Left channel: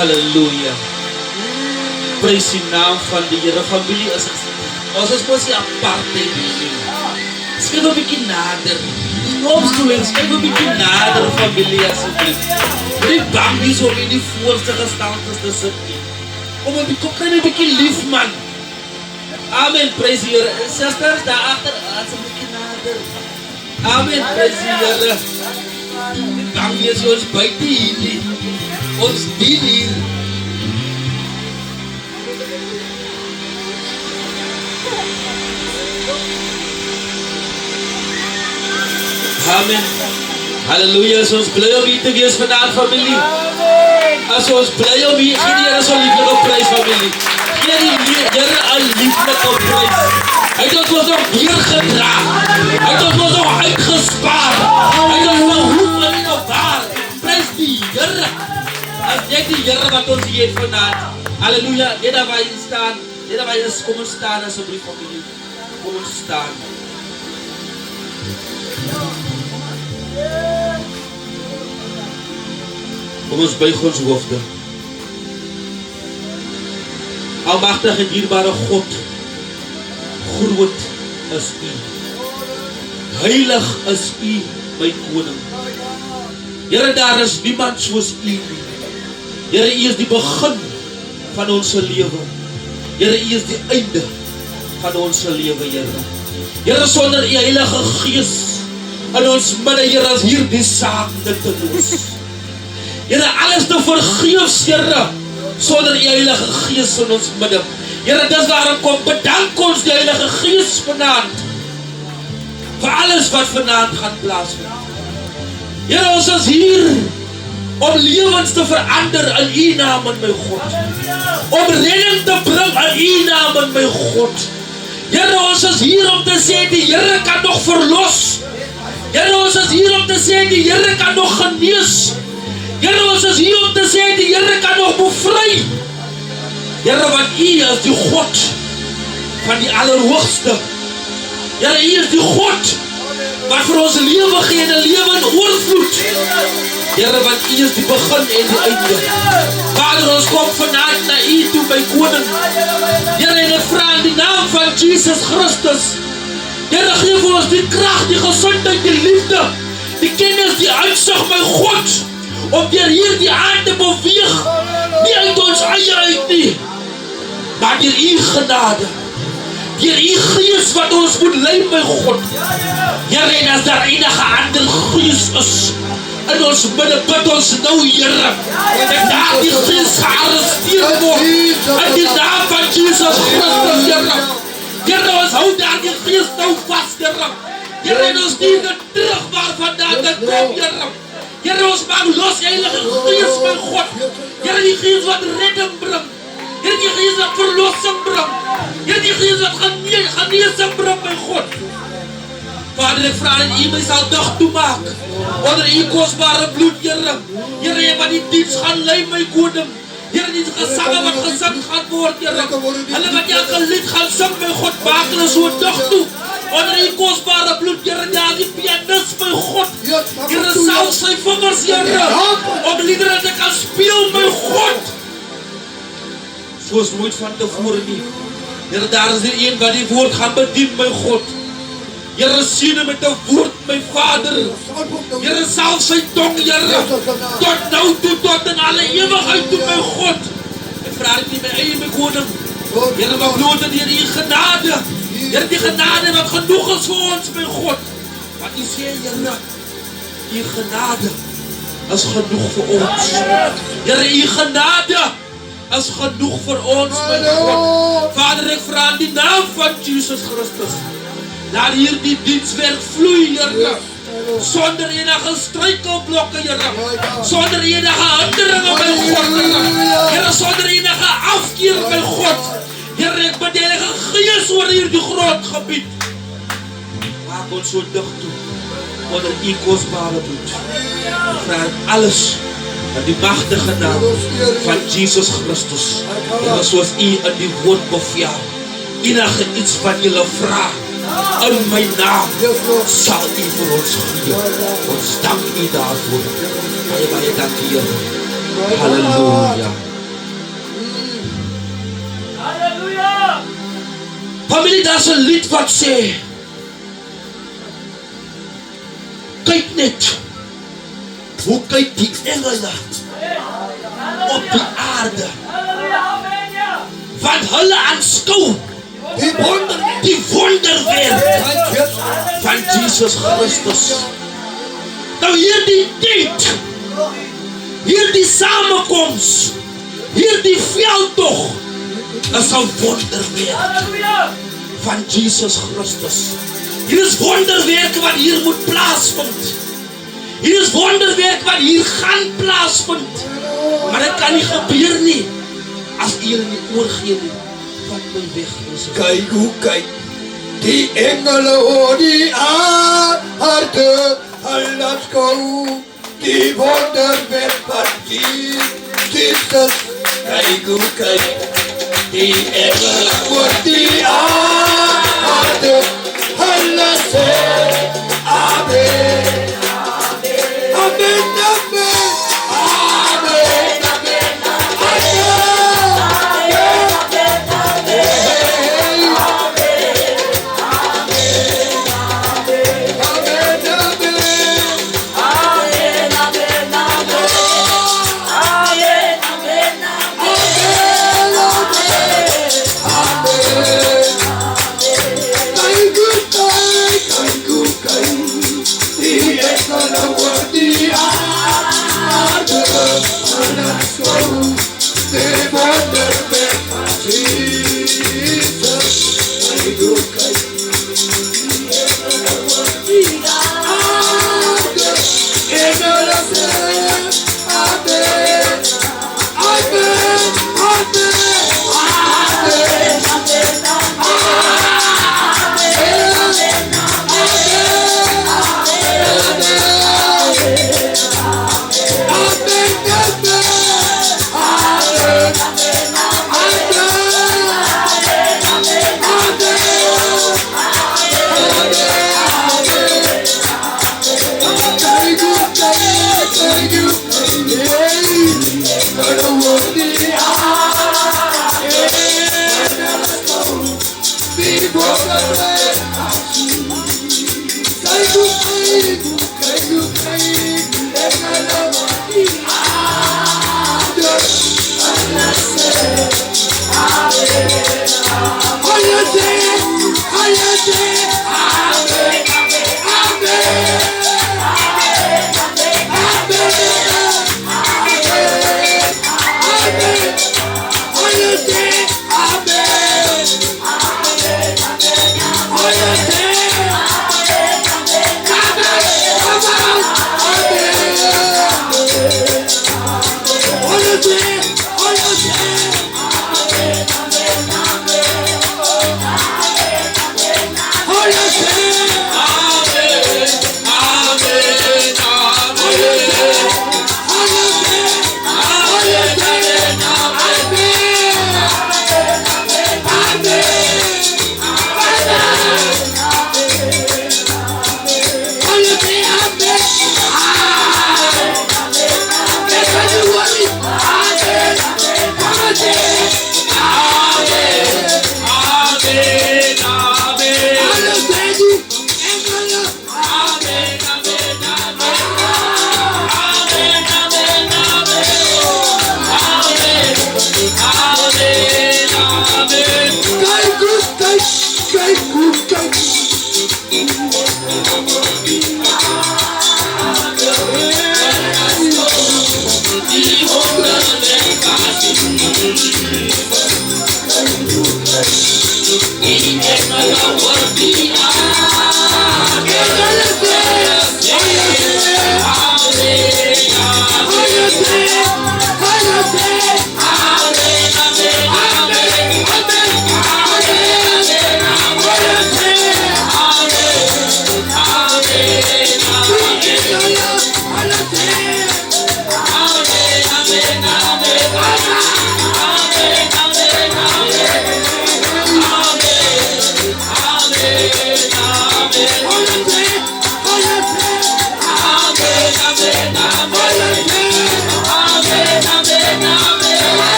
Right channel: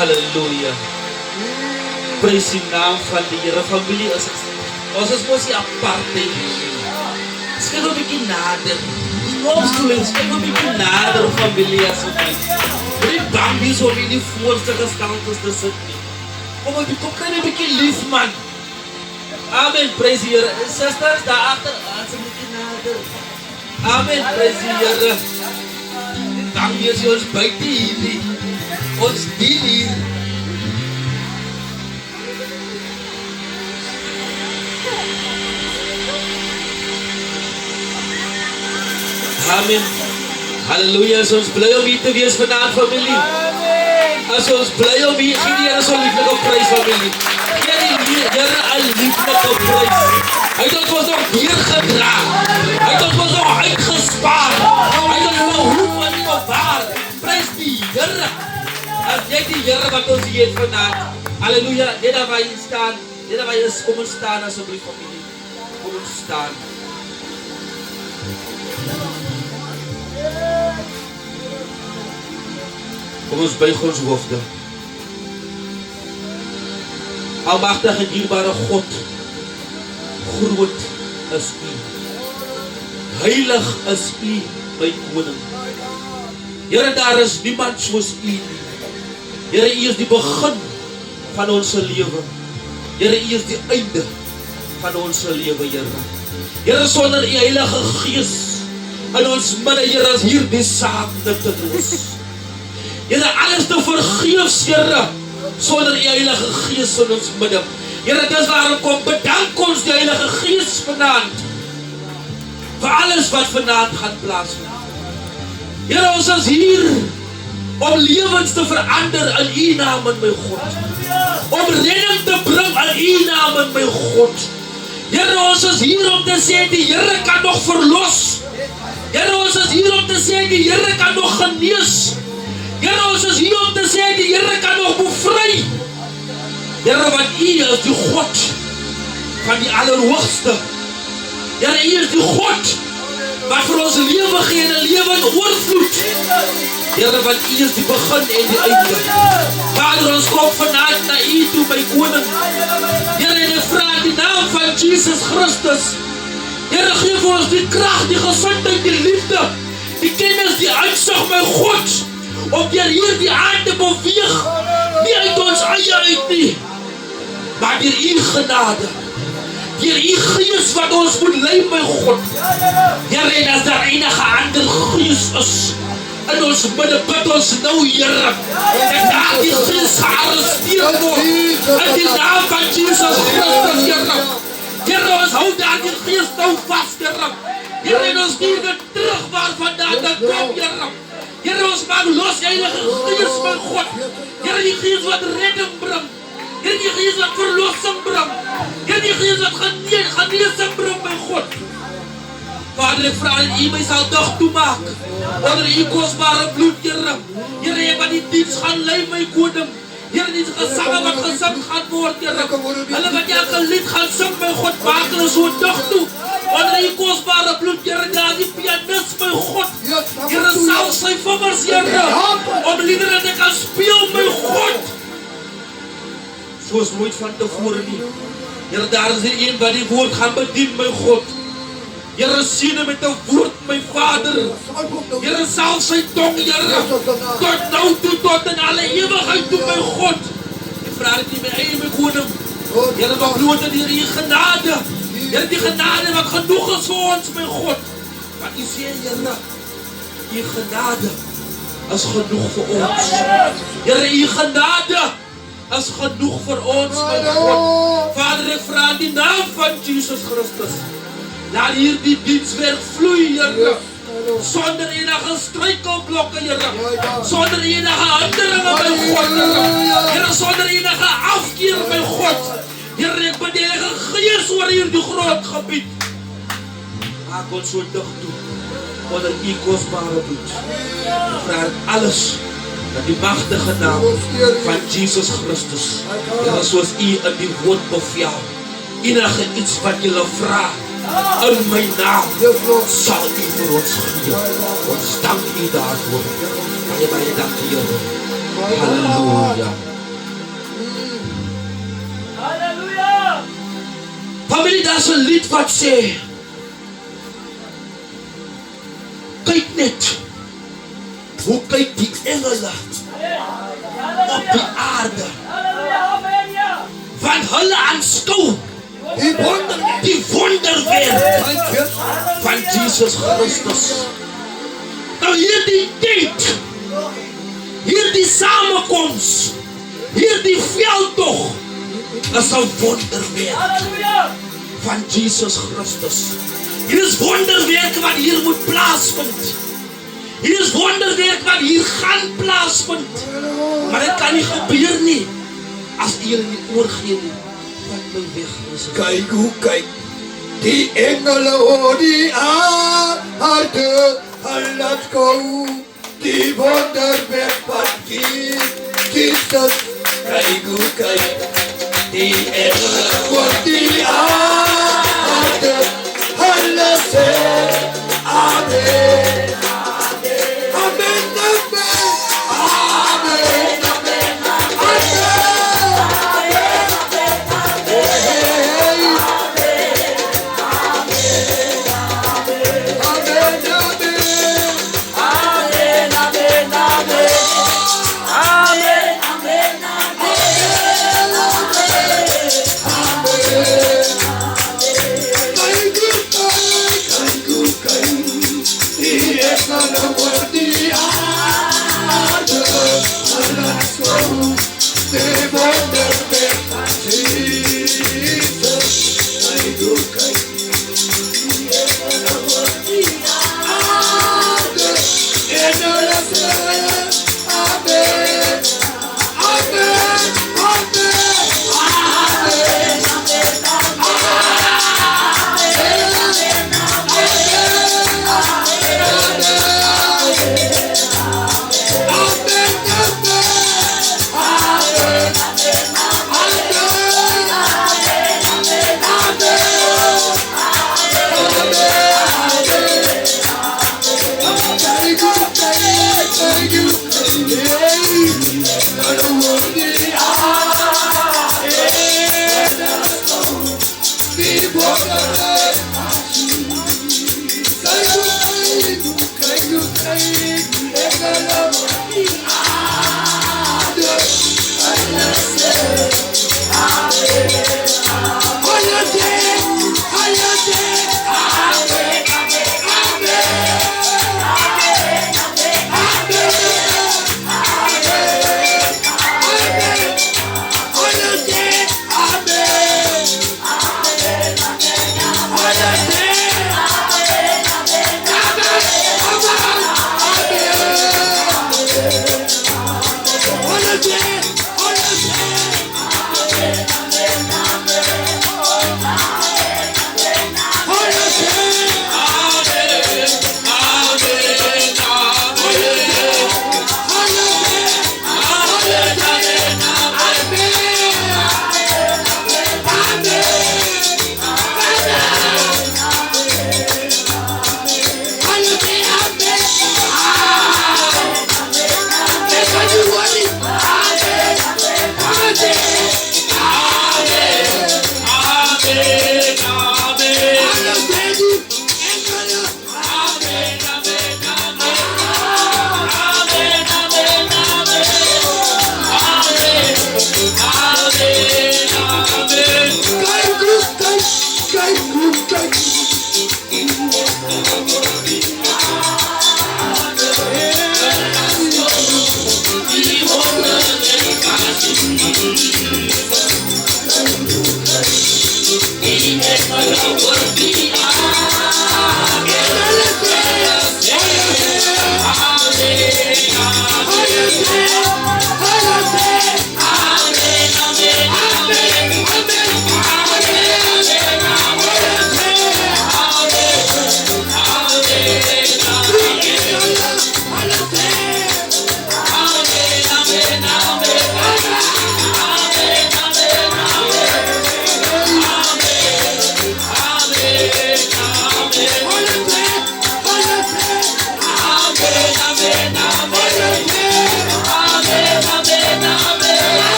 Halleluja. Praise die naam van die Here. Familie, ons is mos nie apartheid nie. Skryf 'n bietjie nader. Opstoelings, skryf 'n bietjie nader, familie, asseblief. Nie bang wees om in die voorste gestantes te sit nie. Kom kry 'n bietjie lief, man. Amen, praise die Here. Sisters, daar agter, as 'n bietjie nader. Amen, praise die Here. Bang wees ons buite hier nie. Ons dien hier. Amen. Halleluja. As ons bly om hier te wees vanaand, familie. As ons bly om hier, gee die Here so lieflike prys, familie. Gee die Here 'n lieflike prys. Hy het ons nog weer gedra. Hy het ons nog uitgespaar. Hy het ons nog hoop en bewaar. Prys die Here. As net die Here wat ons hier het vanaand. Halleluja. Net daar waar jy staan. Net daar waar jy is, kom ons staan asseblief, familie. Kom ons staan. Kom ons buig ons hoofde. Almagtige en dierbare God, groot is U. Heilig is U, my koning. Here, daar is niemand soos U nie. Here, U is die begin van ons lewe. Here, U is die einde van ons lewe, Here. Here, sonder U Heilige Gees in ons midde, Here, is hier die saak dit te los. Here, alles te vergeefs, Here, sonder U Heilige Gees in ons midde. Here, dis waarom kom bedank ons die Heilige Gees vanaand vir alles wat vanaand gaan plaasvind. Here, ons is hier om lewens te verander in U naam, in my God. Om redding te bring in U naam, in my God. Here, ons is hier om te sê die Here kan nog verlos. Here, ons is hier om te sê die Here kan nog genees. Here, ons is hier om te sê die Here kan nog bevry. Here, want U is die God van die Allerhoogste. Here, U is die God wat vir ons lewe gee en 'n lewe in oorvloed. Here, want U is die begin en die einde. Vader, ons kom vanaand na U toe, my koning. Here, en ek vra in die naam van Jesus Christus. Here, gee vir ons die krag, die gesondheid, die liefde, die kennis, die uitsig, my God, om deur hierdie aand te beweeg, nie uit ons eie uit nie, maar deur U genade, deur U Gees wat ons moet lei, my God. Here, en as daar enige ander gees is in ons midde, bid ons nou, Here, dat daardie gees gearresteer word in die naam van Jesus Christus, Here. Here, ons hou daardie gees nou vas, Here. Here, en ons stuur dit terug waarvandaan dit kom, Here. Here, ons maak los, Heilige Gees, my God. Here, die Gees wat redding bring. Here, die Gees wat verlossing bring. Here, die Gees wat genesing bring, my God. Vader, ek vra dat U my sal dag toemaak onder U kosbare bloed, Here. Here, wat die diens gaan lei, my koning. Here, die gesange wat gesing gaan word, Here. Hulle wat elke lied gaan sing, my God, maak hulle so dag toe. Onder U kosbare bloed, Here, daar die pianist, my God. Here, sal sy vingers, Here, om liedere te kan speel, my God. Soos nooit van tevore nie. Here, daar is die een wat die woord gaan bedien, my God. Here, seën met 'n woord, my Vader. Here, salf sy tong, Here, tot nou toe, tot in alle ewigheid toe, my God. Ek vra dit nie my eie, my koning. Here, maar bloot dat U genade, Here, die genade wat genoeg is vir ons, my God. Wat U sê, Here, U genade is genoeg vir ons. Here, U genade is genoeg vir ons, my God. Vader, ek vra in die naam van Jesus Christus, laat hierdie dienswerk vloei, Here, sonder enige struikelblokke, Here, sonder enige hinderinge, my God, Here, sonder enige afkeer, my God. Here, ek bid Heilige Gees oor hierdie grondgebied. Maak ons so dig toe onder U kosbare bloed. Ek vra alles in die magtige naam van Jesus Christus. Here, soos U in die woord beveel, enige iets wat julle vra in my naam, sal U vir ons gee. Ons dank U daarvoor. Baie dank, Here. Halleluja. Familie, daar is 'n lied wat sê, kyk net, hoe kyk die engele op die aarde, want hulle aanskou die wonderwerk van Jesus Christus. Nou hierdie tyd, hierdie samekoms, hierdie veldtog, is 'n wonderwerk van Jesus Christus. Hier is wonderwerk wat hier moet plaasvind. Hier is wonderwerk wat hier gaan plaasvind. Maar dit kan nie gebeur nie as U nie oorgee nie. Wat my weg is. Kyk hoe kyk die engele oor die aarde, hulle skou die wonderwerk van Jesus. Kyk hoe kyk die engele oor die aarde, hulle sê Amen. Amen, amen, amen, amen,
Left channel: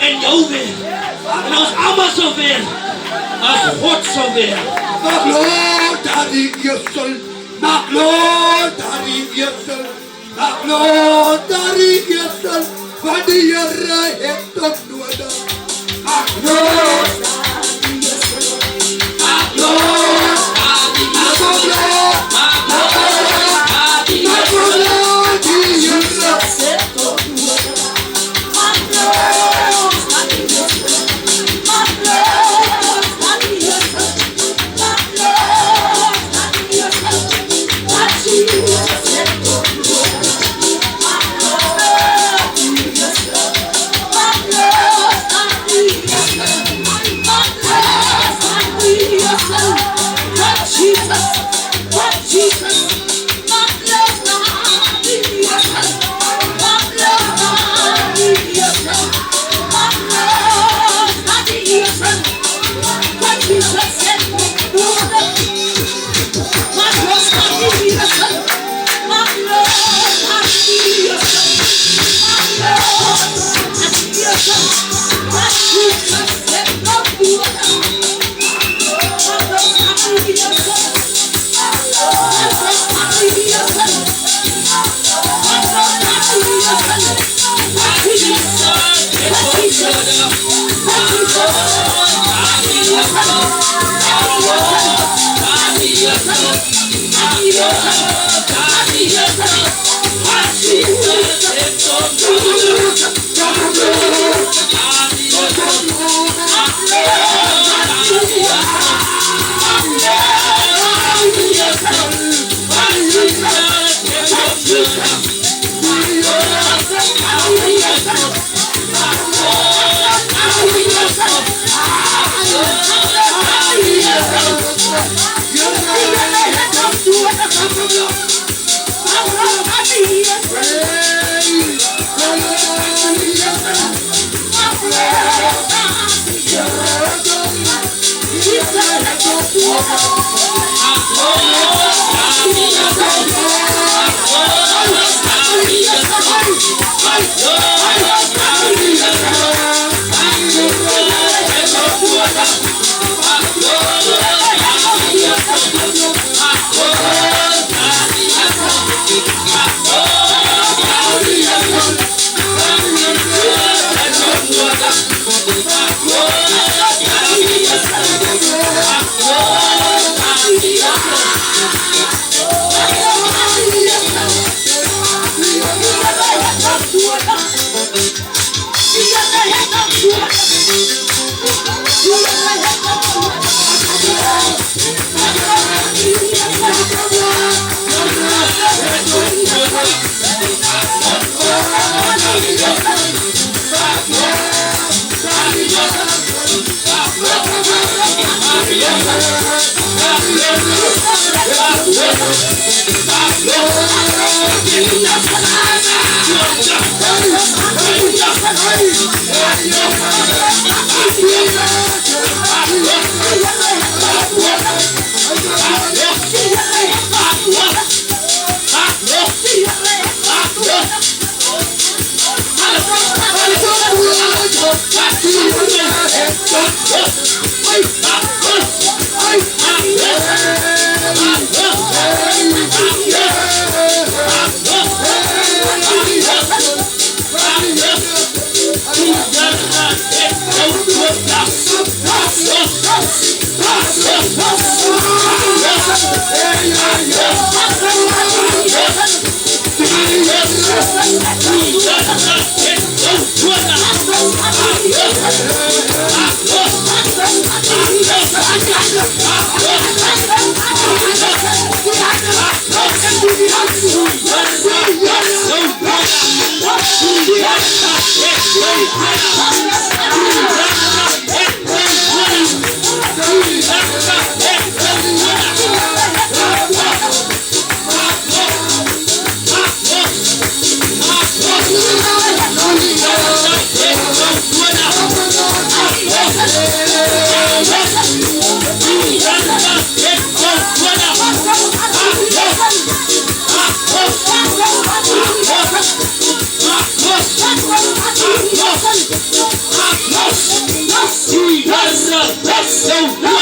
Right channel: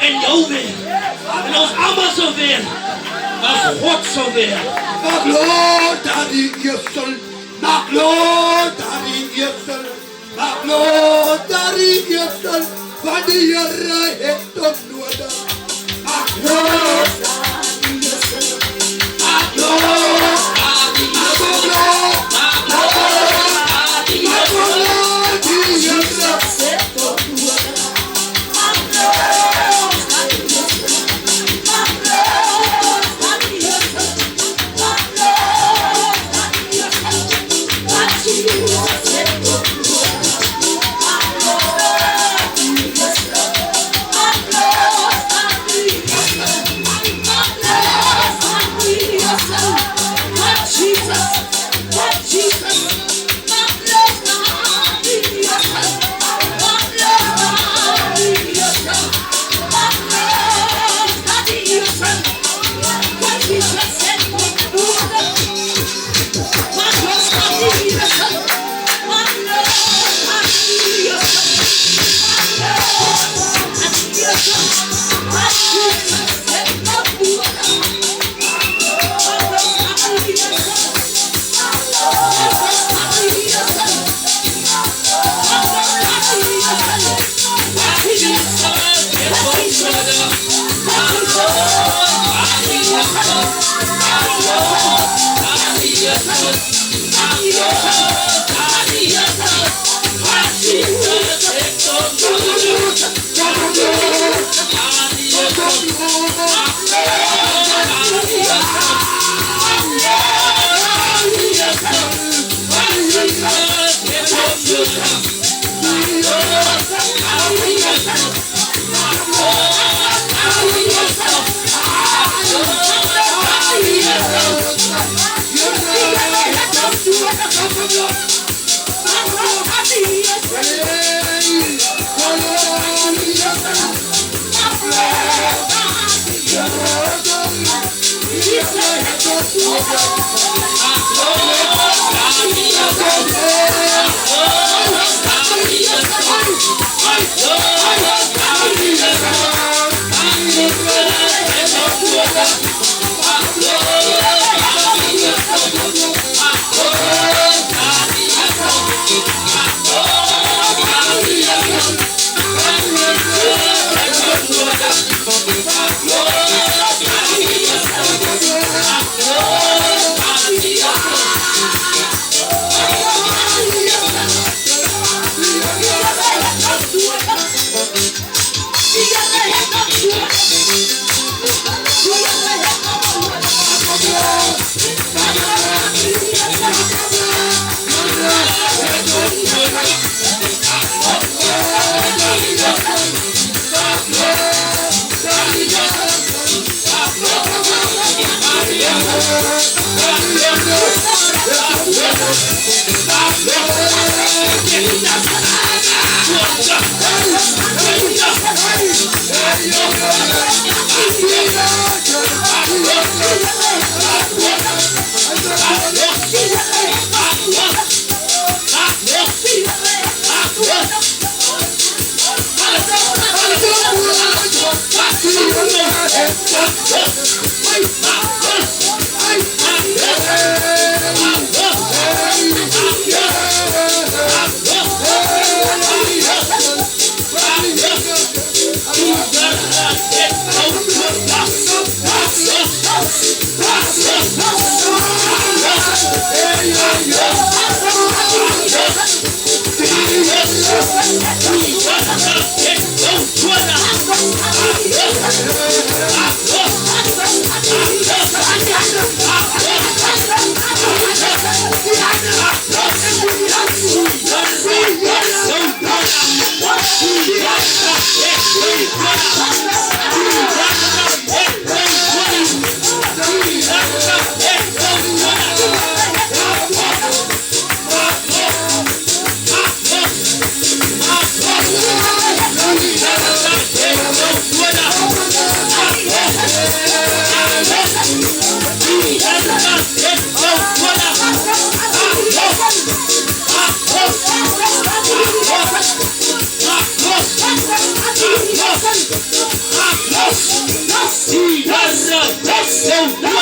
En jou weer. En ons allemaal zo weer. Maar God sal werk. Magloon daar die eersel. Magloon daar die eersel. Magloon daar die eersel. Want die Here het hom nodig. Magloon daar die eersel. Magloon daar die eersel. Magloon die eersel. He has a vessel.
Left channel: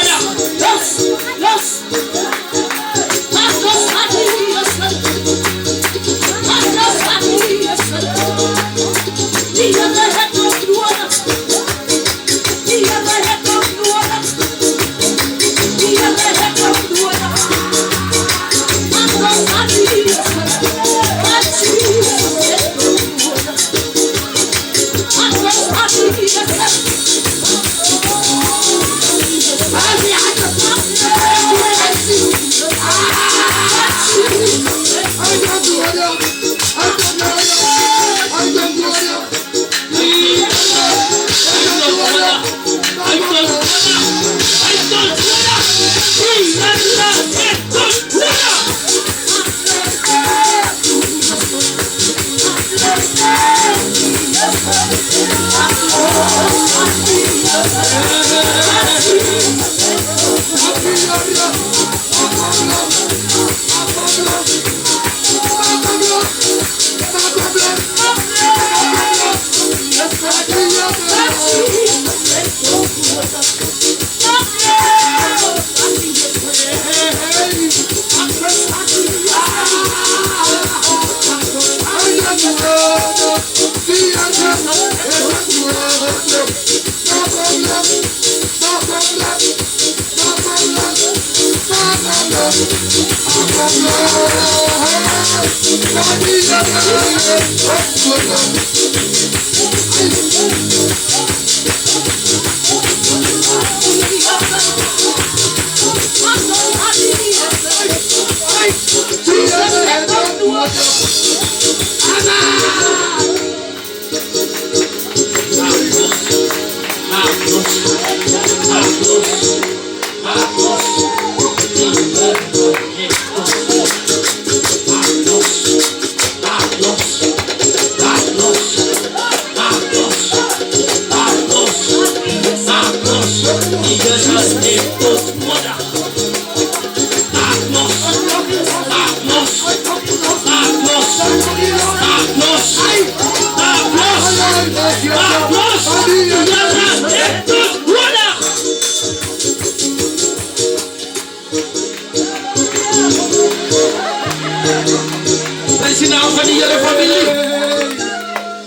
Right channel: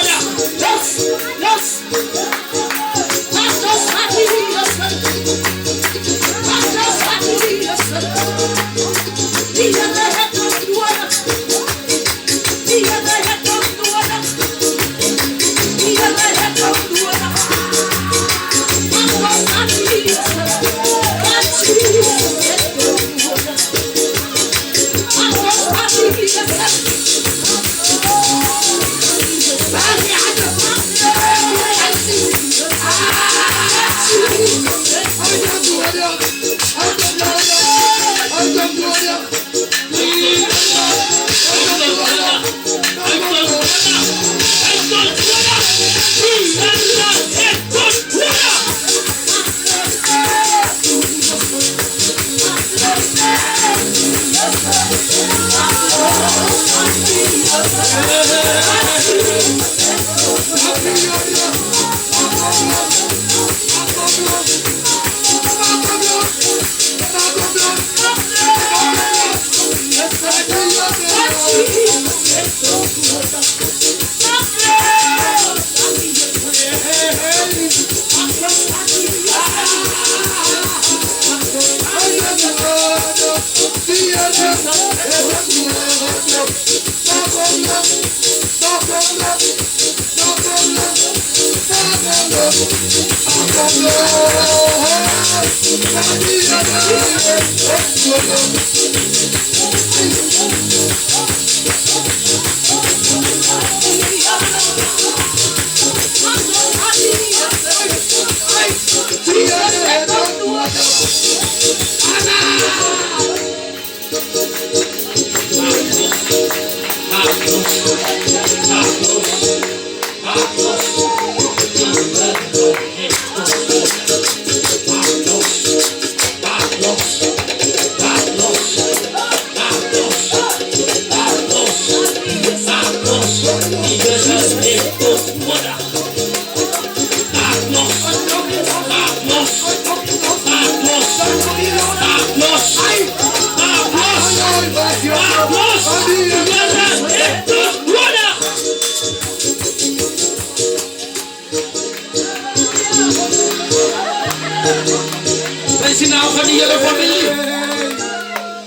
Prijs die naam van die Here, familie.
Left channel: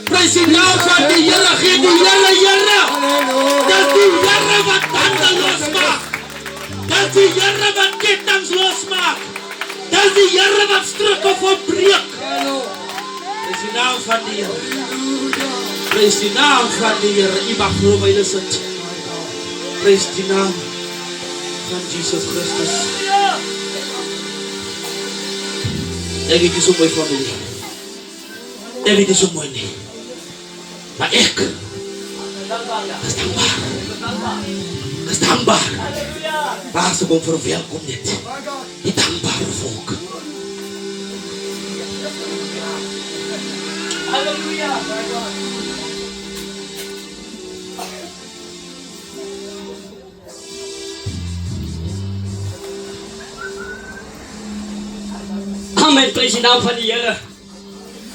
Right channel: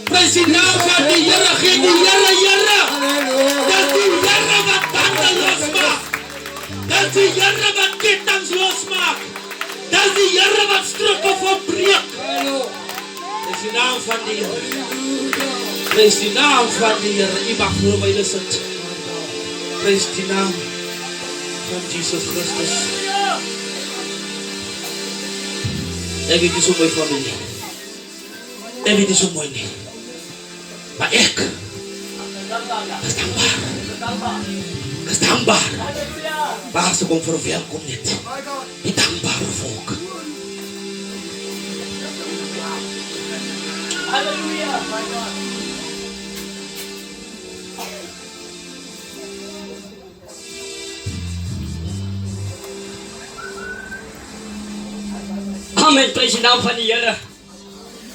Prijs die naam van die Here, gee die Here, Here. Dat die Here wat banden losmaak. Dat die Here wat ketens losmaak. Dat die Here wat struikel verbreek. Prijs die naam van die Here. Prijs die naam van die Here. U mag voor my sit. Prijs die naam van Jesus Christus. Ek weet nie so mooi familie. Ek weet nie so mooi nie. Maar ek is dankbaar. Ek is dankbaar. Waar ze kom verwelkom net. Die dankbare volk. Halleluja. Amen, prijs die naam van die Here.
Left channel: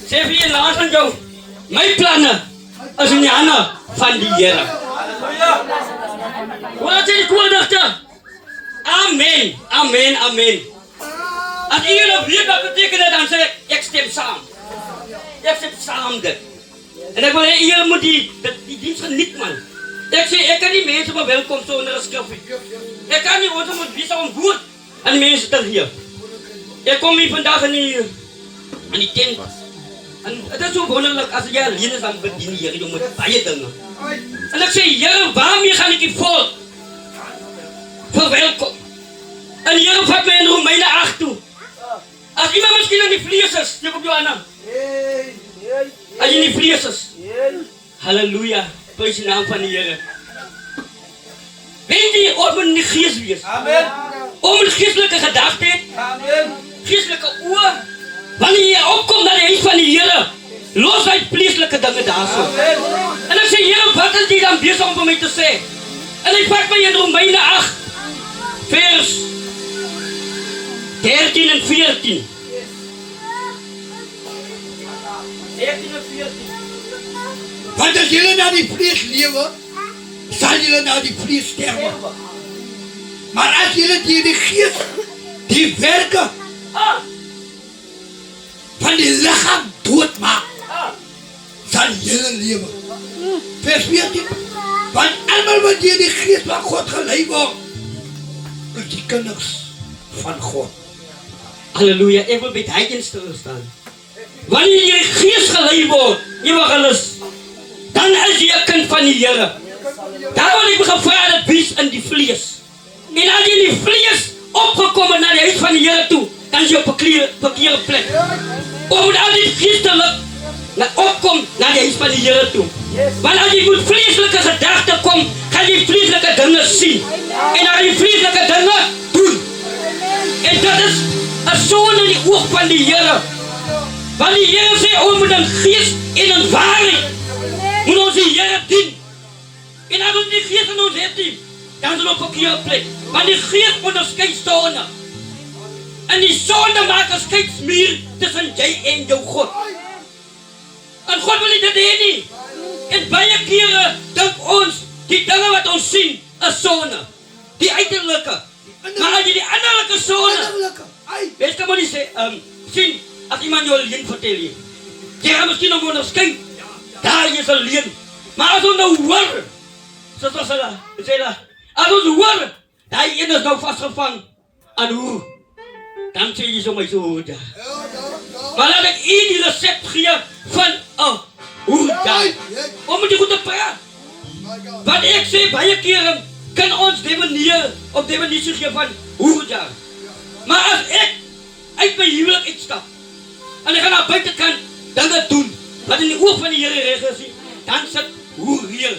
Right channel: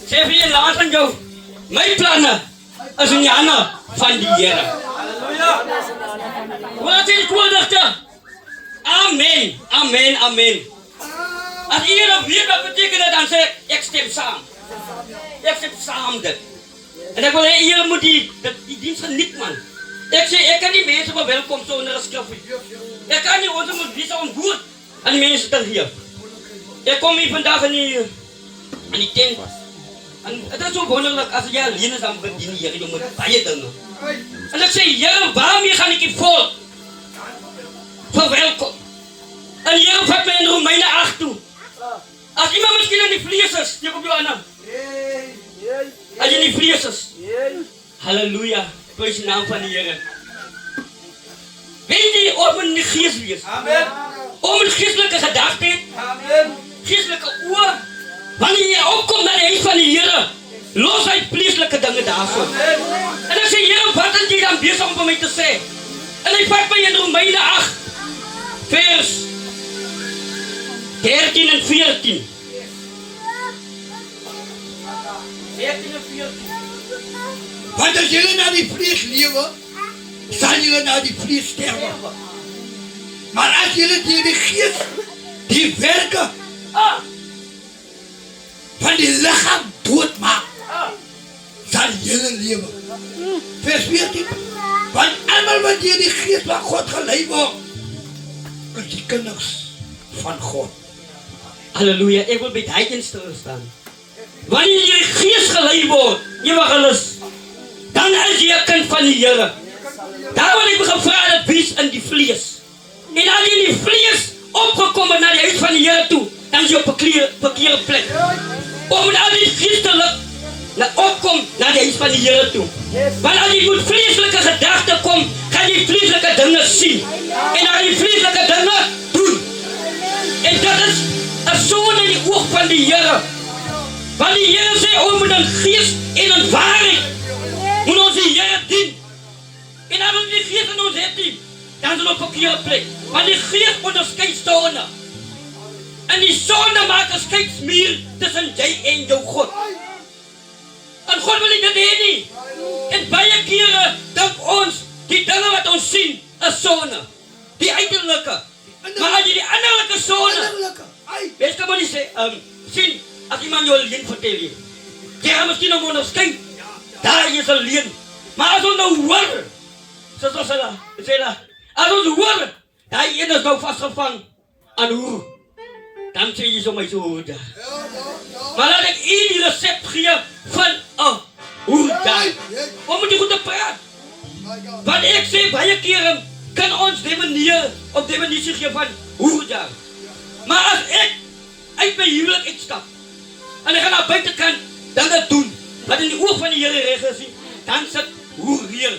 Sê vir jy laat aan jou, my planne is in die hande van die Here. Wat is die koordigte? Amen, amen, amen. As jy nou weet wat beteken dit, dan sê ek stem saam. Ek stem saam dit. En ek wil hê jy moet die diens geniet, man. Ek sê, ek kan nie mense verwelkom sonder 'n skrifgie. Ek kan nie ons moet wees om woord aan die mense te gee. Ek kom hier vandag in die tent. En het is so wonderlik, as jy alleen is, dan bedien die Here met baie dinge. En ek sê, Here, waarmee gaan ek die volk verwelkom? En die Here vat my in Romeine 8 toe. As iemand miskien in die vlees is, steek op jou hande. As jy in die vlees is. Halleluja, prys die naam van die Here. Weet jy, ons moet in die gees wees. Amen. Om een geestelike gedagte het. Amen. Geestelike oor. Wanneer jy opkom naar die huis van die Here, los uit vleeslike dinge daarso. En ek sê, Here, wat is jy dan besig om vir my te sê? En hy vat my in Romeine 8, vers 13 en 14. 13 en 14. Want as jullie naar die vlees leven, zal jullie naar die vlees sterven. Maar als jullie die geest, die werken van die lichaam doodmaakt, zal jullie leven. Vers 14. Want allemaal wat je die geest van God geleid wordt, is die kinders van God. Halleluja, ek wil by die een stilstaan. Wanneer jy gees gelei word, ewigelis, dan is jy 'n kind van die Here. Daar wil ek gevra dat wees in die vlees. En as jy in die vlees opgekom het na die huis van die Here toe, dan is jy op 'n verkeerde plek. Om al die geestelik opkom na die huis van die Here toe. Want as jy met vleeslike gedagte kom, gaan jy vleeslike dinge sien. En as jy vleeslike dinge doen. En dat is 'n sonde in die oog van die Here. Want die Here sê, ons moet in gees en in waarheid moet ons die Here dien. En as ons die gees in ons het nie, dan is ons op 'n verkeerde plek. Want die gees onderskei sonde. En die sonde maak 'n skeidsmuur tussen jy en jou God. En God wil nie dit hê nie. En baie kere dink ons, die dinge wat ons sien, is sonde. Die uiterlike. Maar as jy die innerlike sonde, weet kan maar nie sê, sien, as iemand jou leuen vertel jy. Jy gaan miskien nog onderskei. Daar is 'n leuen. Maar as ons nou hoor, soos ons sê dat, as ons hoor, daai een is nou vasgevang aan hoe, dan sê jy so my so hoor daar. Maar laat ek u die recept gee van 'n hoe daar. Om met jy goed te praat. Wat ek sê, baie kere kan ons die manier op die manier gee van hoe daar. Maar as ek uit my huwelik uitstap, en ek gaan naar buitenkant dinge doen, wat in die oog van die Here reg is, dan sit hoe reël.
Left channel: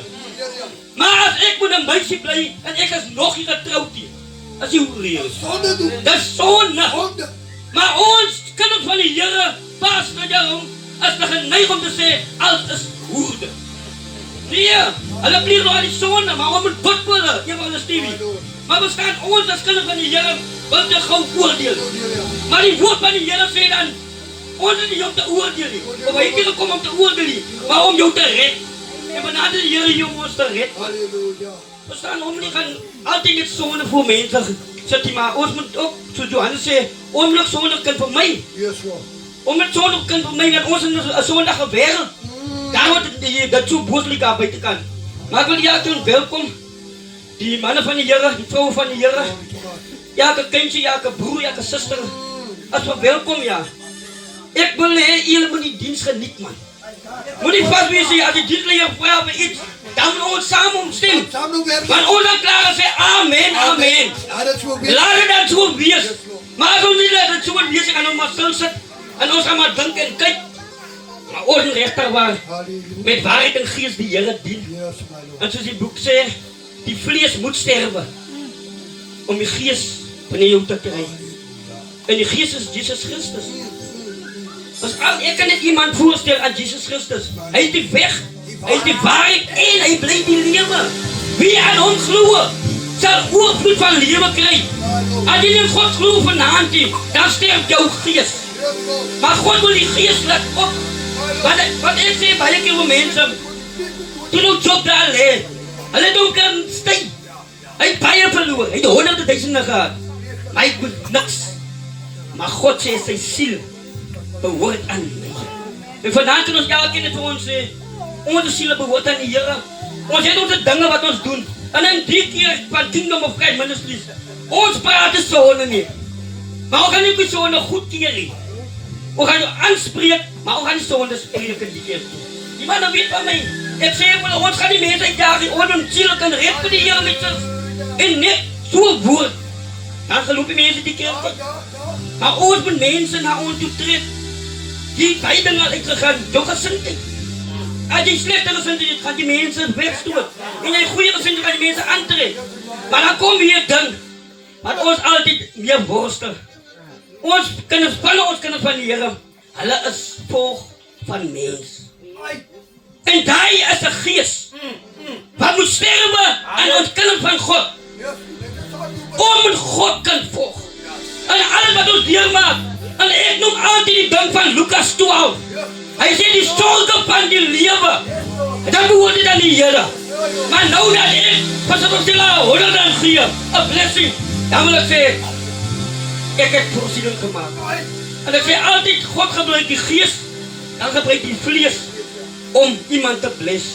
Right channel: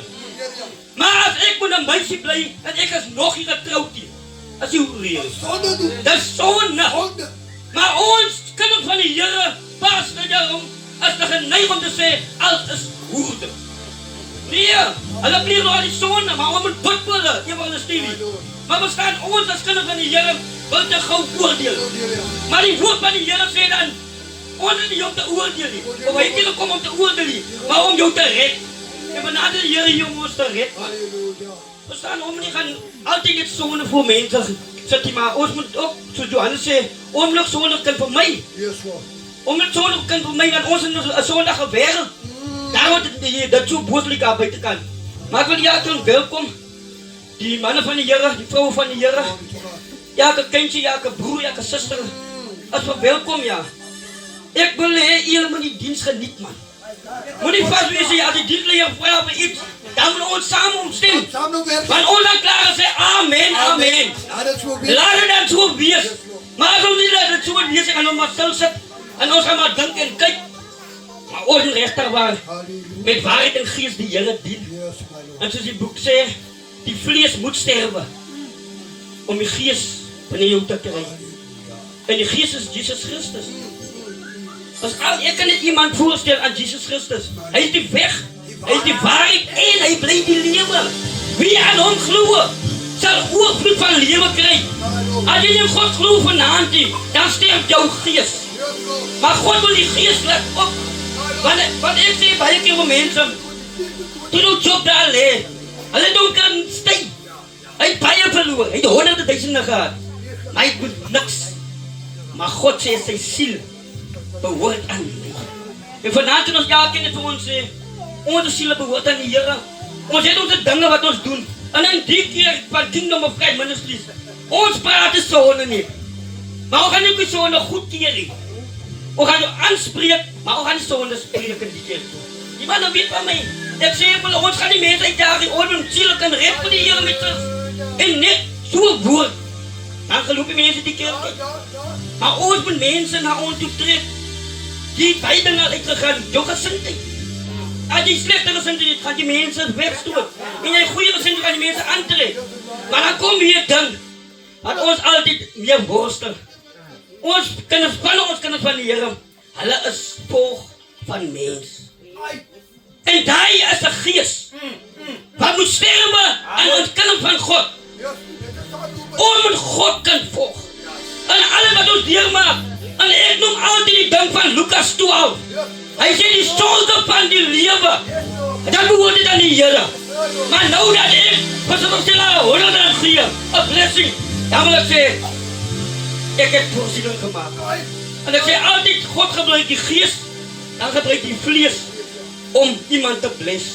Maar as ek met 'n meisie bly, en ek is nog nie getroud nie, as jy hoe reël. Dat is sonde. Maar ons kinders van die Here, pas nou daarom, is te geneig om te sê, alles is hoerde. Nee, hulle pleeg nou aan die sonde, maar om het bid vir hulle, een van hulle Stevie. Maar bestaan ons as kinders van die Here, wil te gauw oordeel. Maar die woord van die Here sê dan, ons is nie om te oordeel nie, of hy het nie gekom om te oordeel nie, maar om jou te red. En benader die Here hier om ons te red. Bestaan ons nie gaan altyd net sonde voor mense sit nie, maar ons moet ook, soos Johannes sê, onmiddellik sonde kan vir my. Omdat sonde kan vir my, dat ons in 'n sondige wêreld. Daar word dit so booslik aan buitekant. Maar ek wil julle toen welkom, die manne van die Here, die vrouwen van die Here, elke kindje, elke broer, elke suster, as welkom, ja. Ek wil hê, julle moet die diens geniet, man. Moet nie vast wees, as die dienstleier vry op iets, dan moet ons saam omstem. Want ons dan klaar en sê, amen, amen. Laat het dan so wees. Maar as ons nie laat het so wees, ek gaan ons maar stil sit, en ons gaan maar dink en kyk. Maar ons regtig waar, met waarheid en gees die Here dien. En soos die boek sê, die vlees moet sterwe, om die gees wanneer jou te kry. En die gees is Jesus Christus. Ek kan net iemand voorstel aan Jesus Christus. Hy is die weg, hy is die waarheid en hy bly die lewe. Wie aan hom glo, sal oorvloed van lewe kry. As jy in God glo vanaand nie, dan sterf jou gees. Maar God wil die gees laat op. Want ek sê baie keer vir mense, toe nou Job daar lê, hulle doen kan stay. Hy het baie verloor, hy het 100.000 gehad, maar hy het niks. Maar God sê sy siel behoort aan my. En vanavond kan ons elkeen net vir ons sê, onze siele behoort aan die Here. Ons het onze dinge wat ons doen. En in die keer van Kingdom of God Ministries, ons praat is sonde nie. Maar ons gaan nie die sonde goed keer nie. Ons gaan aanspreek, maar ons gaan die sonde spreek in die keer toe. Die man weet van my, ek sê ons gaan die mense uitjaag, die ons siele kan red vir die Here met ons. En net so woord, dan geloof die mense die keer toe. Maar ons moet mense na ons toe trek, die beide na uitgegaan, jou gesindheid. As die slechte gesindheid gaan die mense wegstoot. En die goeie gesindheid gaan die mense aantrek. Maar dan kom weer dan, dat ons altyd meer worstel. Ons kinders van die Here, hulle is volg van mens. En daai is 'n gees. Wat moet sterwe aan ons kinders van God. Ons moet God kan volg. En alles wat ons deurmaak. En ek noem altyd die ding van Lukas 12. Hy sê die sonde van die lewe. Dat behoort dit aan die Here. Maar nou dat ek, pas op ons sila, 100 gee, 'n blessing. Dan wil ek sê, ek het voorsiening gemaakt. En ek sê altyd, God gebruik die gees, dan gebruik die vlees om iemand te bless.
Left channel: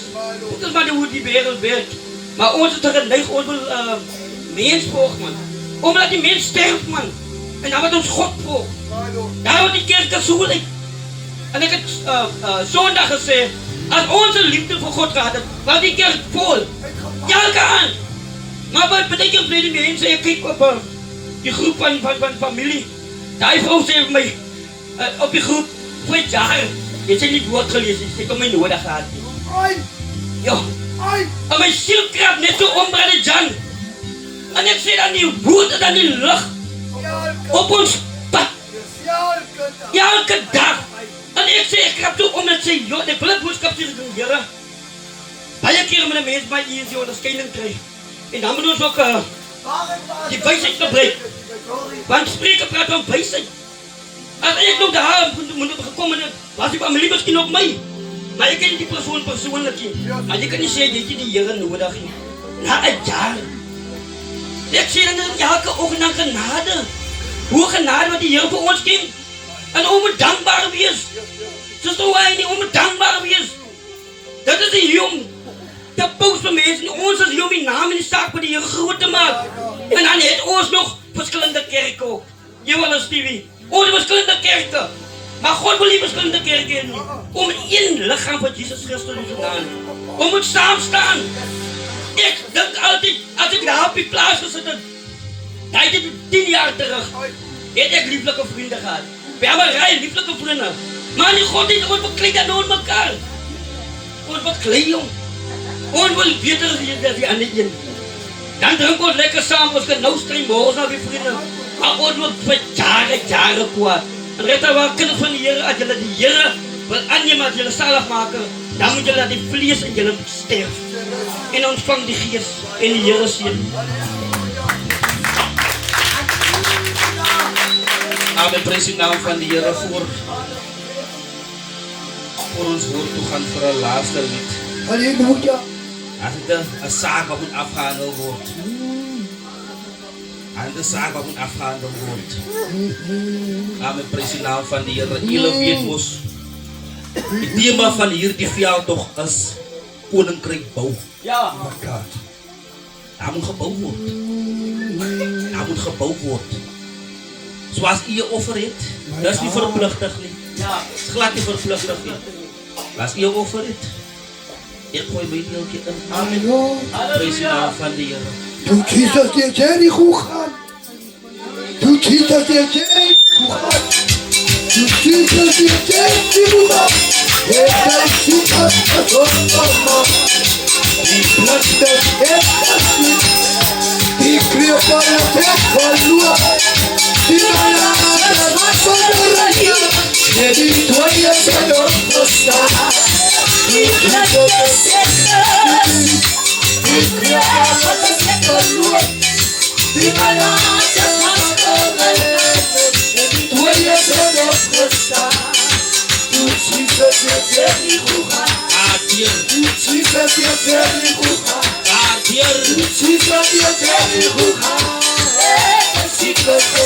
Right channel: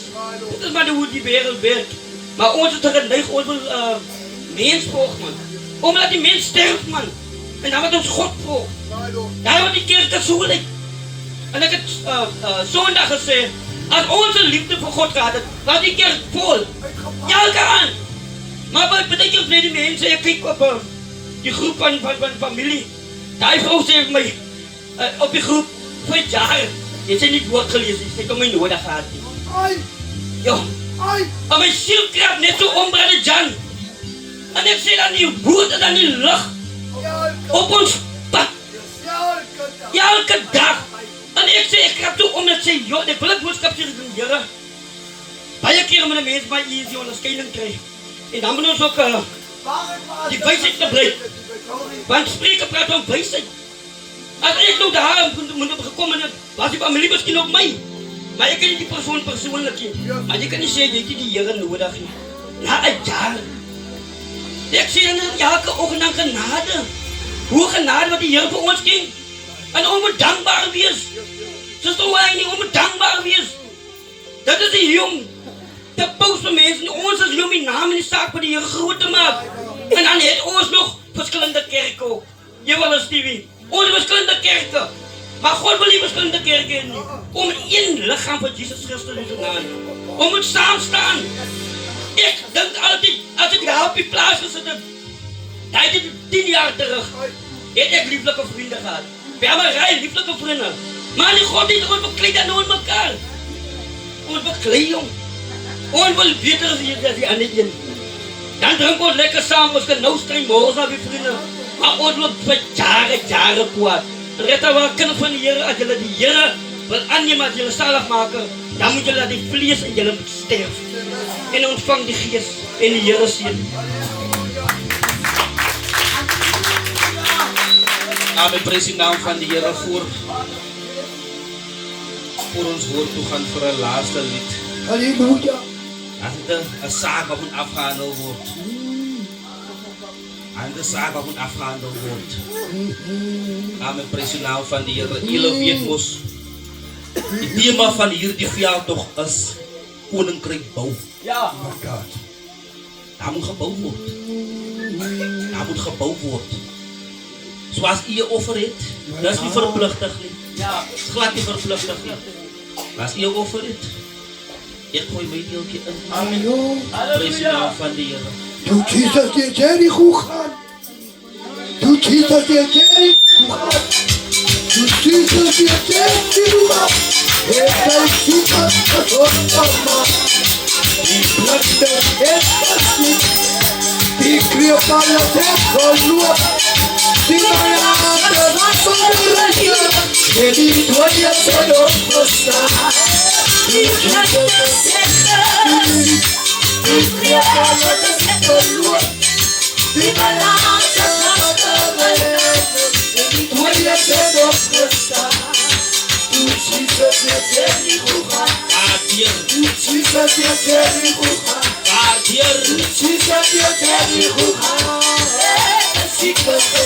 Dit is maar hoe die wereld werkt. Maar ons is geneig, ons wil mens volg, man. Omdat die mens sterft, man. En dan wordt ons God volg. Daar wordt die kerk so lyk. En ek het Sondag gesê, as ons liefde vir God gehad het, was die kerk vol. Elke aan. Maar wat betekent vir die mense, ek kyk op die groep van familie. Die vrou sê vir my, op die groep, voor het jaar, jy sê nie woord gelees, jy sê om my nodig gehad. Jo, en my siel krap net so om Brother Jan. En ek sê dan die woord en dan die lucht, op ons pad. Elke dag. En ek sê, ek krap toe om en sê, joh, ek wil het boodskap sê van Here. Baie keer met een mens bij easy onderscheiding krijgen. En dan moet ons ook die wijsheid gebruiken. Want spreken praat van wijsheid. Als ik nou daar moet gekomen was ik aan mijn misschien ook mij. Maar ik ken die persoon persoonlijk niet. Maar je kan niet zeggen dat je die Here nodig hebt. Na een jaar. Ik zie dan elke oog naar genade. Hoe genade wat die Here voor ons ging. En onbedankbaar wees. Ze zo hij niet onbedankbaar wees. Dat is die jong. De post van mensen. Ons is jong die naam in die zaak voor die Here groot te maken. En dan heeft ons nog verschillende kerken ook. Jawel, Stevie. Ons verschillende kerken. Maar God wil die verschillende kerken niet. Om één lichaam van Jezus Christus te gaan. Om het samen staan. Ik denk altijd, als ik daar op die plaats gezet heb. Dat is 10 jaar terug. Heb ik lieflijke vrienden gehad. We hebben een rij lieflijke vrienden. Maar die God niet ons bekleed en ons elkaar. Ons bekleed, jong. Ons wil beter dan die andere een. Dan drinken we lekker samen. Ons kan nou streng morgens naar die vrienden. Maar ons wordt voor jaren kwaad. En red daar wel kinderen van de Heer. Als jullie die Heer wil aannemen, als jullie zalig maken. Dan moet jullie die vlees en jullie sterven. En ontvang die geest in de Heer zien. Amen, prijs de naam van de Heer voor ons woord toe gaan voor een laatste lied. Halleluja. Als het een zaak wat moet afgehandeld wordt. Als het een zaak wat moet afgehandeld wordt. Amen, prijs de naam van de Heer. Jullie weet ons. Het thema van hier die veld toch is koninkrijk bouw. Ja. Daar moet gebouwd worden. Daar moet gebouwd worden. Zoals u je offer heeft, dat is niet verplichtig. Ja. Het is glad niet verplichtig. Als u je offer heeft, ik gooi mijn deeltje in. Halleluja. Prijs de naam van de Heer. Doe Jesus die Jericho gaan. Doe Jesus die Jericho gaan. Doe Jesus die Jericho gaan. Het is Jesus mama. Die platte het was. Die kreeg van het verloor. Die mama was van de radio. Die tweede verloor verstaan. Die platte die kreeg van het verloor. Die mama was van de radio. Die tweede verloor verstaan. Doe Jesus die Jericho gaan. Jesus die Jericho gaan. Jesus die Jericho gaan. Jesus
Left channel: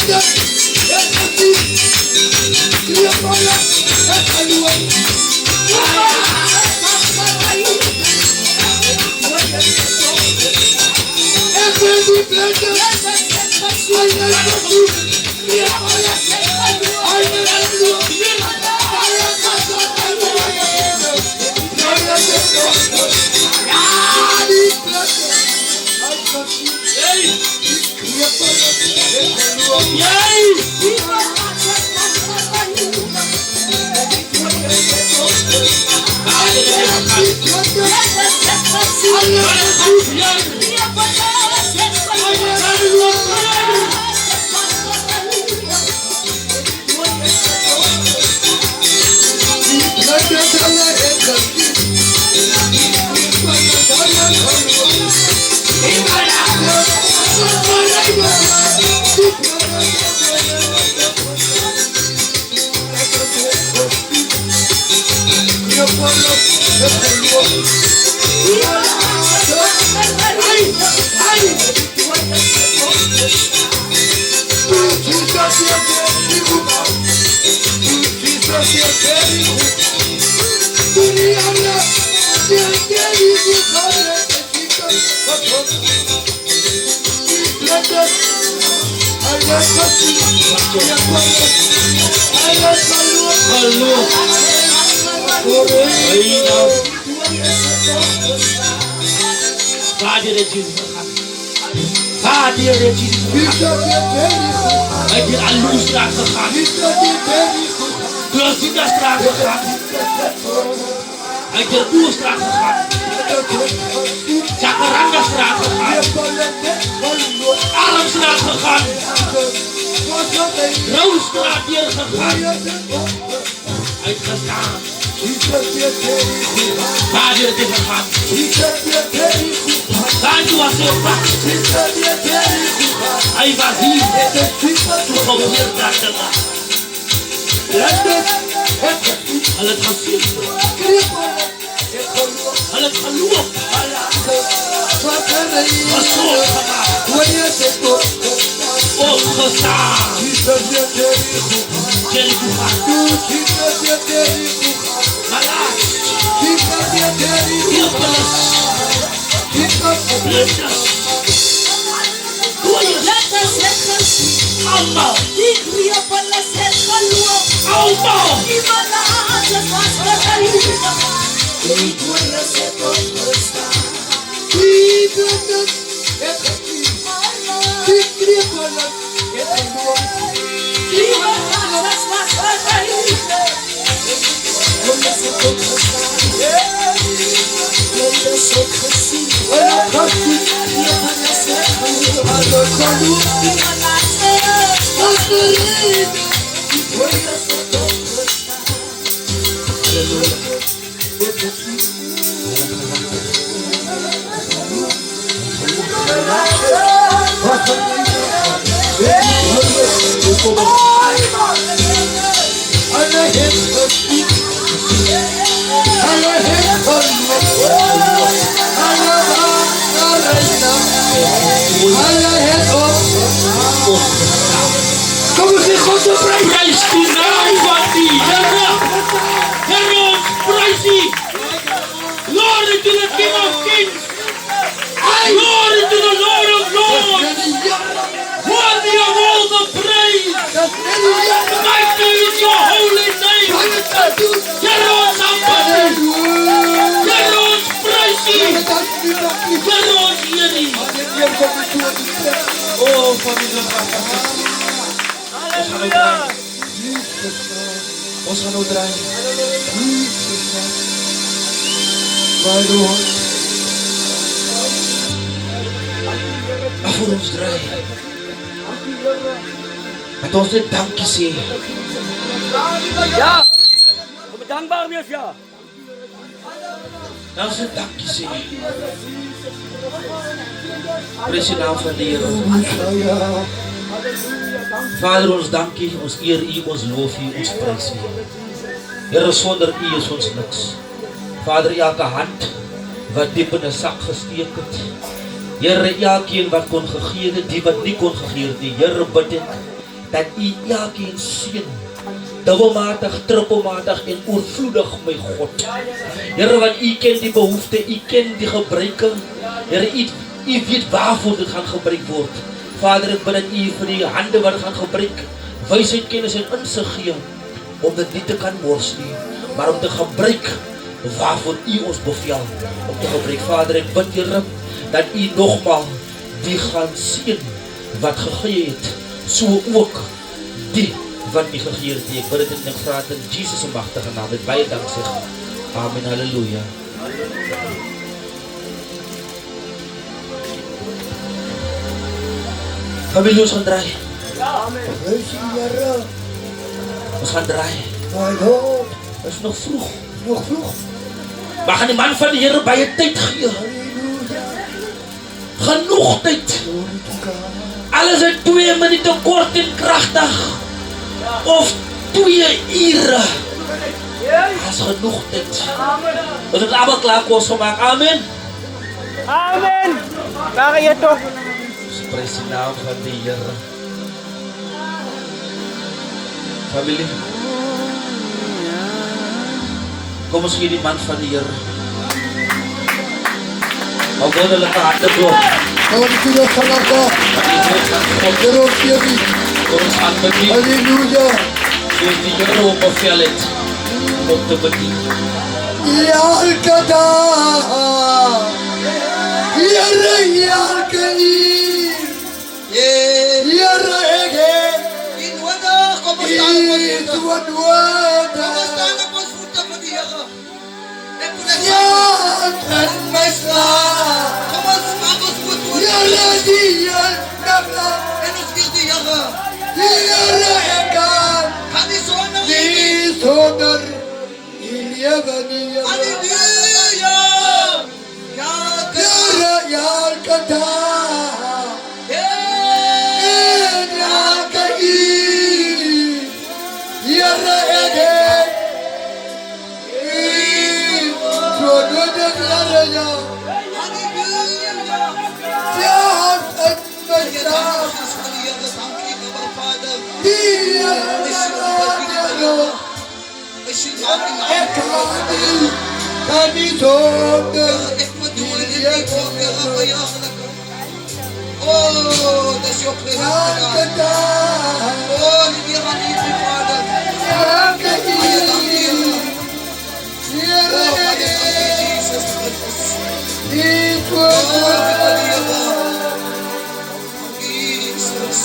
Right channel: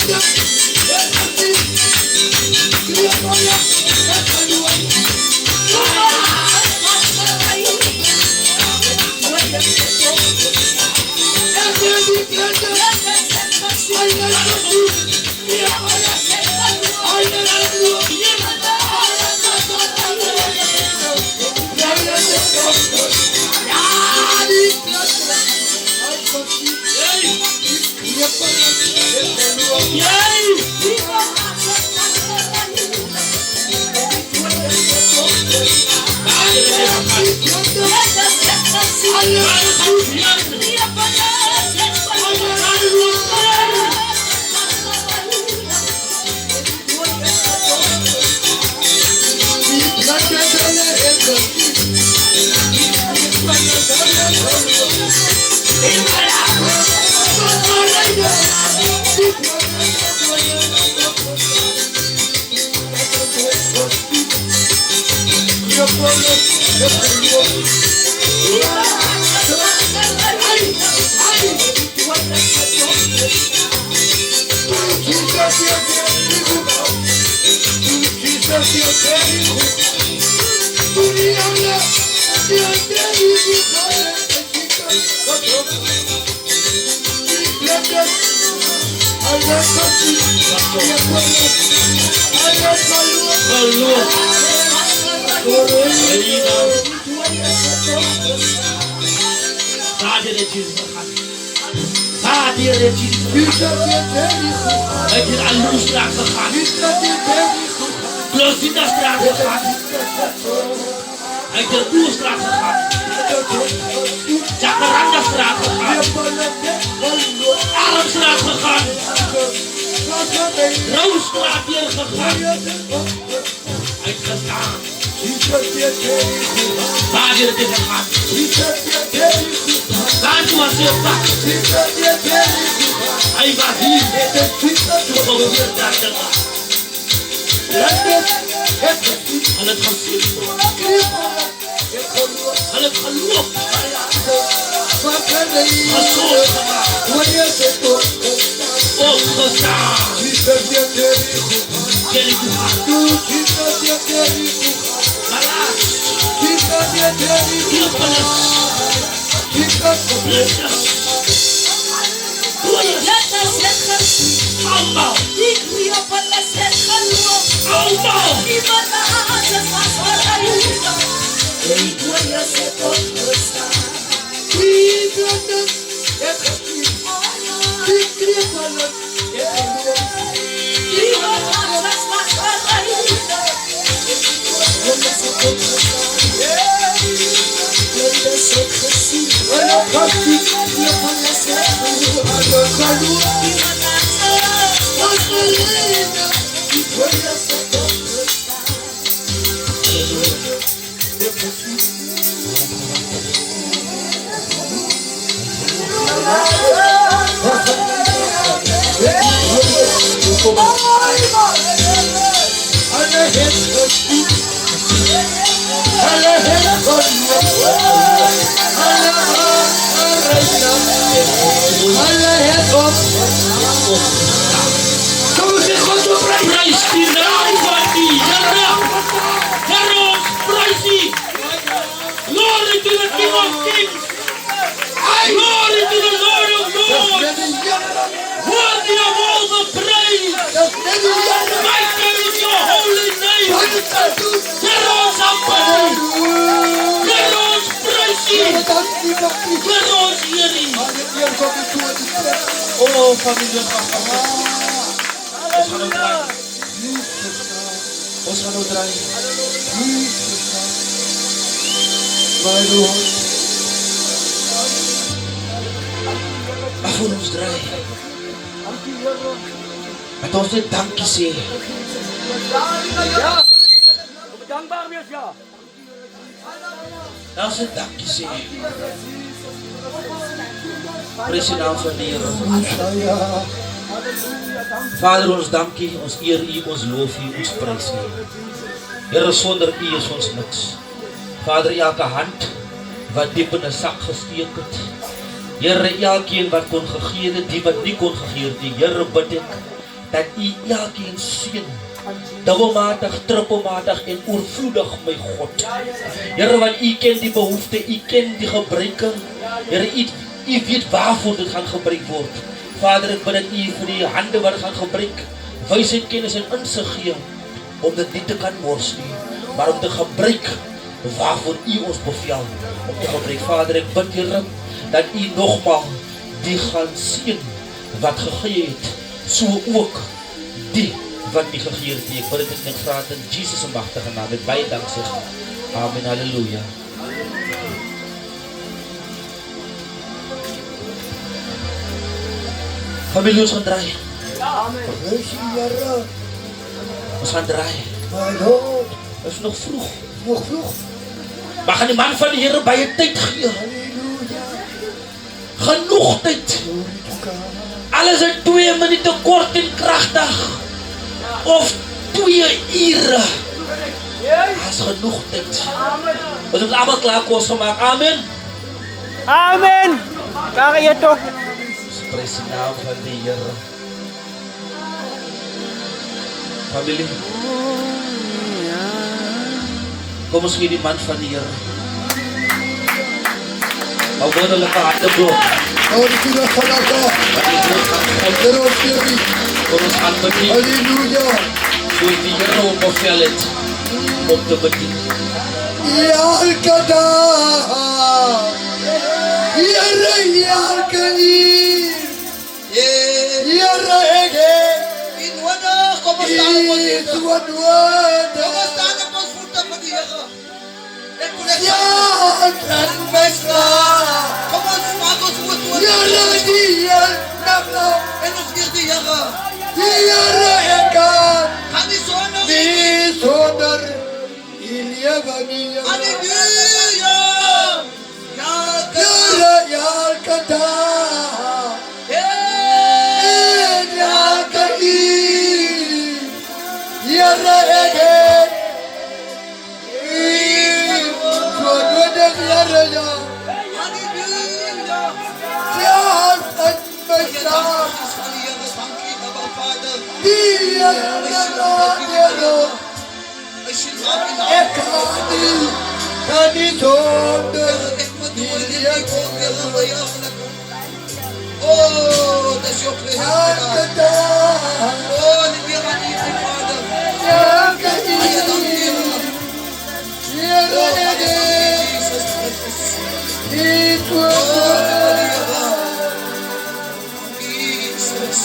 Thank you. Vader het Jesus gegaan. Vader het Jesus gegaan. Hij heeft aan Loestraat gegaan. Kloosita straat gegaan. Hij heeft de Boerstraat gegaan. Jacaranda straat gegaan. Armstraat gegaan. Roosstraat hier gegaan. Uitgestaan. Vader het is gegaan. Santo was heel pak. Hij was hier. Toen gebeurde dat te gaan. Al het gezien. Al het geloof. Gezocht gemaakt. Opgestaan. Jericho gaat. Malas. Heel alles. Allemaal. Allemaal. Prijs die naam van die Heere. Heere, ons prijs die. Glory to the King of Kings. Glory to the Lord of Lords. Worthy of all the praise. Mighty is your holy name. Heere, ons aanbid. Heere, ons prijs die. Heere, ons Heere. Oh, familie. Ons gaan nou draaien. Ons gaan nou draaien. Maar voor ons draaien. Dat ons net dankie sê. Ja. Moet dankbaar wees, ja. Dat ons net dankie sê. Prys die naam van die Here. Vader, ons dankie, ons eer U, ons loof U, ons prys U. Here, sonder U is ons niks. Vader, elke hand wat diep in 'n sak gesteek het. Here, elkeen wat kon gegee het, die wat nie kon gegee het nie. Here, bid ek dat U elkeen seën. Dubbelmatig, trippelmatig en oorvloedig, my God. Here, want U ken die behoefte, U ken die gebruike. Here, U weet waarvoor dit gaan gebruik word. Vader, ek bid dat U vir die hande wat gaan gebruik, wysheid, kennis en insig gee, om dit nie te kan mors nie, maar om te gebruik waarvoor U ons bevel om te gebruik. Vader, ek bid, Here, dat U nogmaal die gaan sien wat gegee het, so ook die wat nie gegee het nie. Ek bid dit en ek vra dit in Jesus se magtige naam met baie danksegging. Amen, halleluja. Familie, ons gaan draai. Praise die Here. Ons gaan draai. My Lord. Het is nog vroeg. Nog vroeg. Maar gaan die man van die Here baie tyd gee. Halleluja. Genoeg tyd. Glory to God. Alles in 2 minute kort en kragtig. Of 2 ure. As genoeg tyd. Ons het allemaal klaar kos gemaakt. Amen. Amen. Waar je toch? Prys die naam van die Here. Familie. Kom ons gee die man van die Here. Hou wonderlijke harte door. Glory to the Son of God. Dat die woord van God Here ons gee die. voor ons aanbedien. Halleluja. Soos die Here op bevel het om te bedien. Elke dag. Here, elke uur. Here, ek het. Kom ons staan op ons Is voete. wat Kom ons word. staan op ons voete vir die Here. Ek wil net Ja, en my slaap. kom ons maak ons voet toe. Here, die Here. En ons vier die Here. Here, ek kan. Kan die sonder nie. Die sonder. Die lewe nie. Halleluja. Ja, Here, elke dag. En elke uur. Here, ek het. So nodig, Here, jou. Halleluja. Ja, en my Ja, slaap. dankie vir die Here. Dankie, Abba Vader. Die Here, As jy maak die ek naam. kan nie sonder. Ek moet doen dit nie voor Here vir jou. Oh, dis jou present. Elke dag. Oh, die Here aan U, Vader. Elke Baie dankie, uur. Here. Here, Oh, ek baie het. dankie, Jesus Christus. Die Oh, sonder. die Here. Jesus.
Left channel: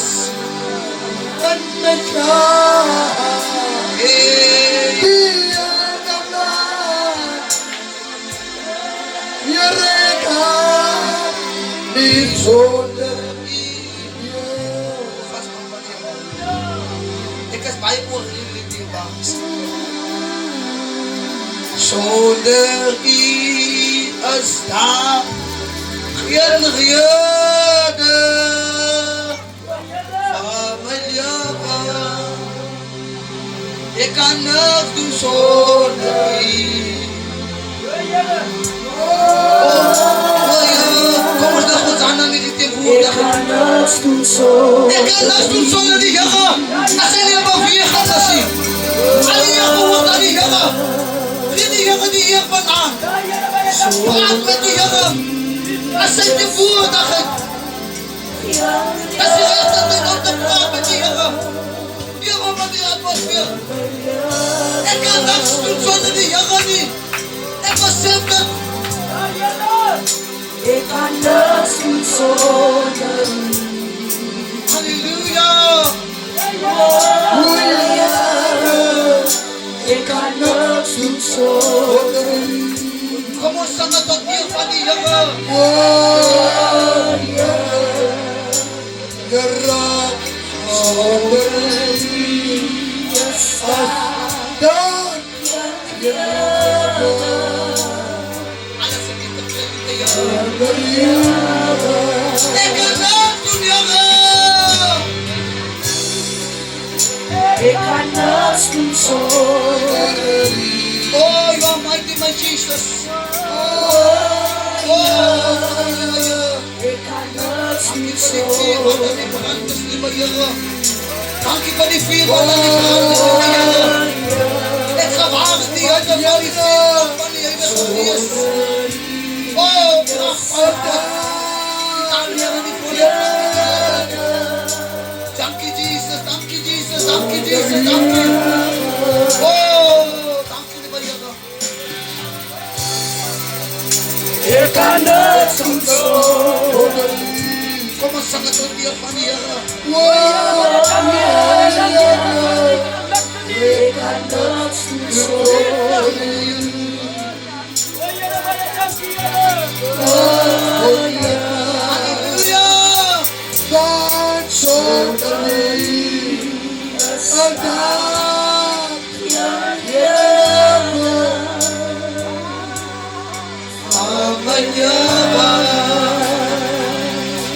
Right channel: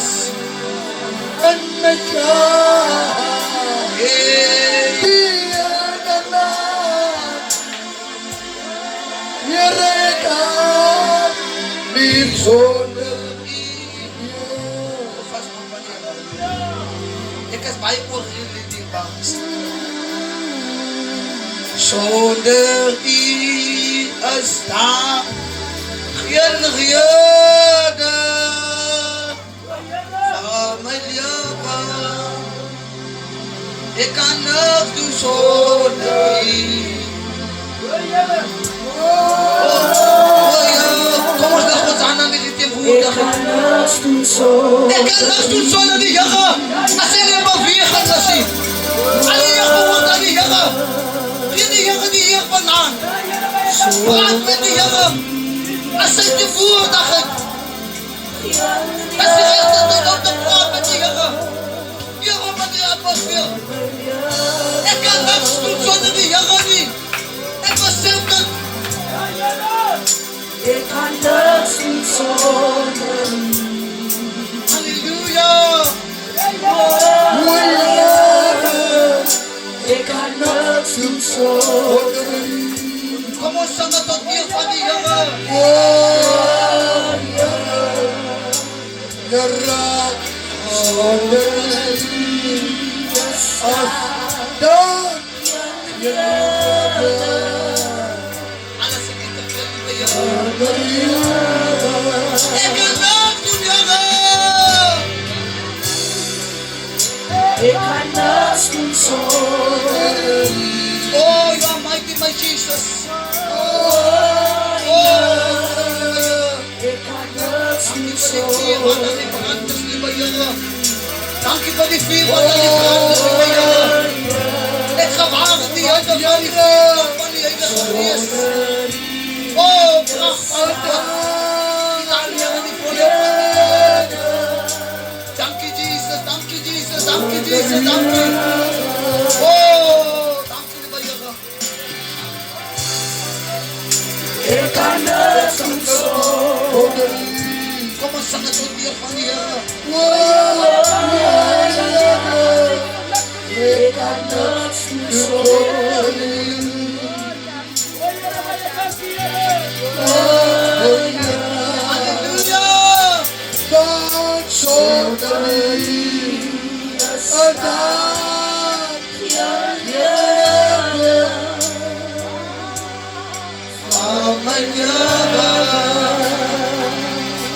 En my slaap. Hey. Die Here, Here, ek kan nie sonder. Vas man van die Here. Ek is baie oorgeleid die bangs. Sonder U is daar geen rede van my lewe. Ek kan niks doen sonder U. Kom ons lig ons hande in die teenwoordigheid. Ek kan niks doen sonder die Here. As hy nie beweeg as hy. Alleen behoort aan die Here. Gee die Here die eer vanaand. Praat met die Here. As hy teenwoordigheid. As hy regte tyd om te praat met die Here. Here met die atmosfeer. Ek kan niks doen sonder die Here nie. Ek was self dit. Halleluja. Kom ons sang het tot eer van die Here. Alles in die te Here. Ek kan niks doen, Here. Oh, you are mighty, my Jesus. Oh, dankie vir die vuur wat aan die brand is, liewe Here. Dankie vir die vuur wat aan die brand is, liewe Here. Ek gewaar die hitte van die vuur van die Heilige Gees. Oh, kragtig. Dankie Here die voorbeeld. Dankie Jesus, dankie Jesus, dankie Jesus, dankie. Oh, dankie liewe Here. Kom ons sing dit tot eer van die Here. Halleluja! God shoulder me a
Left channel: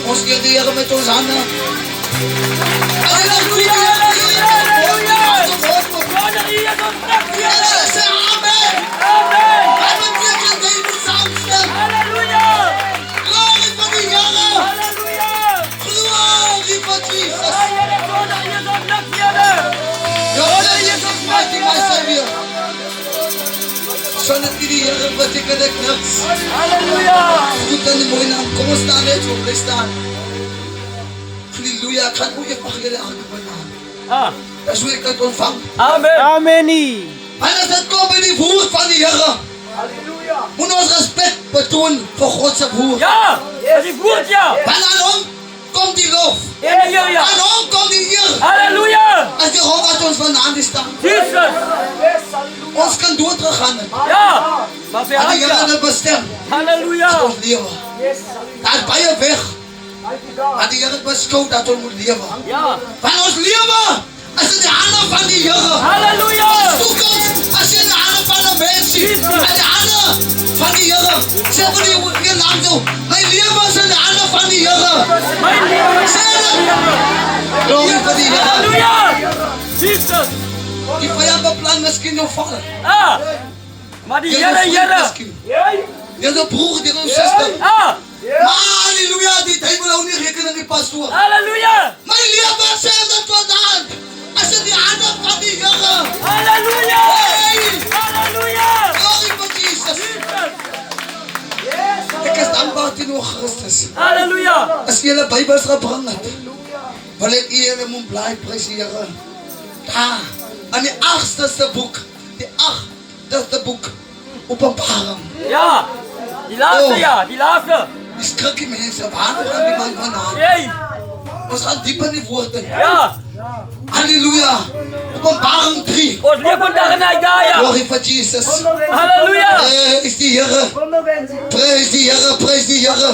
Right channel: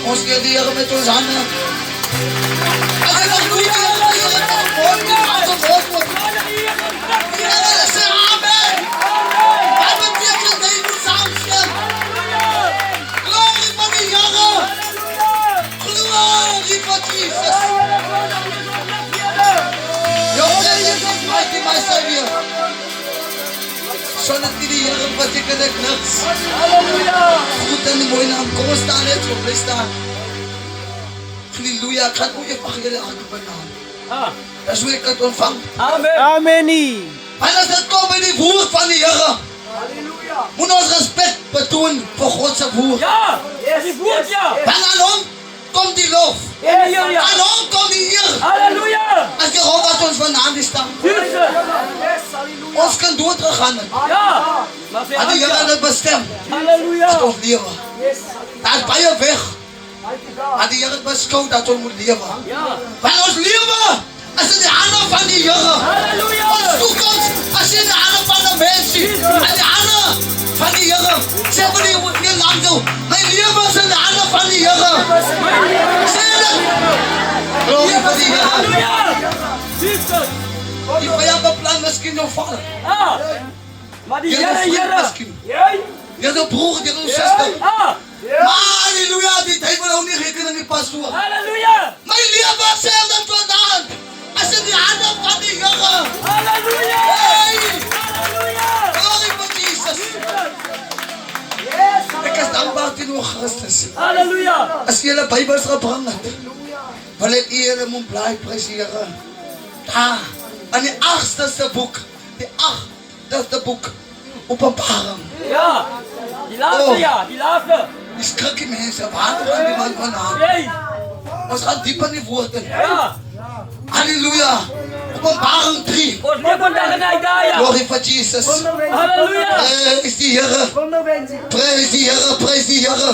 Ons eer die Here met ons hande. Halleluja! Sê amen! Wat beteken dit moet saamstem? Glorie van die Here! Glorie van Jesus! Your name is mighty, my Savior. Sonder die Here beteken ek niks. Goed in die mooie naam. Kom ons staan net op, bly staan. Halleluja, ek gaan ook evangelie aan op my naam. Dat is hoe ek het ontvang. Amen. En as dit kom by die woord van die Here, moet ons respect betoon vir God se woord. Ja, dat is goed, ja. Want aan hom kom die lof. Halleluja. Aan hom kom die eer. Halleluja. As die God wat ons vandaan die staan. Jesus. Ons kan doodgegaan het. Ja. Maar Maar die Here het dit bestem. Halleluja. Dat ons lewe. Daar is baie weg. Maar die Here het beskou dat ons moet lewe. Ja. Want ons lewe is in die hande van die Here. Halleluja. Ons toekoms is in die hande van 'n mens. In die hande van die Here. Sê vir die land toe, my lewe is in die hande van die Here. Sê dit. Glorie vir die Here. Halleluja. Jesus. Die vyand beplan miskien nog val. Maar die Jy Here, is vriend Here. miskien. Jy is 'n broer, jy is 'n suster. Maar halleluja, die duivel hou nie rekening met pastoor. Halleluja. My lewe sê dit vandaan. As in die hande van die Here. Halleluja. Hey! Halleluja. Glorie vir Jesus. Ek is dankbaar teenoor Christus. Halleluja. As jy 'n Bybel gebring het, wil ek eer en bly prys die Here. Daar, aan die 8ste boek, die 8ste boek, Openbaring. Ja. Die laatste, ja. Die laatste. Die skrikkie mense, waar gaan die man vandaan? Hey. Ons gaan diep in die woord in. Ja. Halleluja. Openbaring 3. Ons leef vandaag in Isaiah. Glorie vir Jesus. Halleluja. Prys die Here. Prys die Here, prys die Here.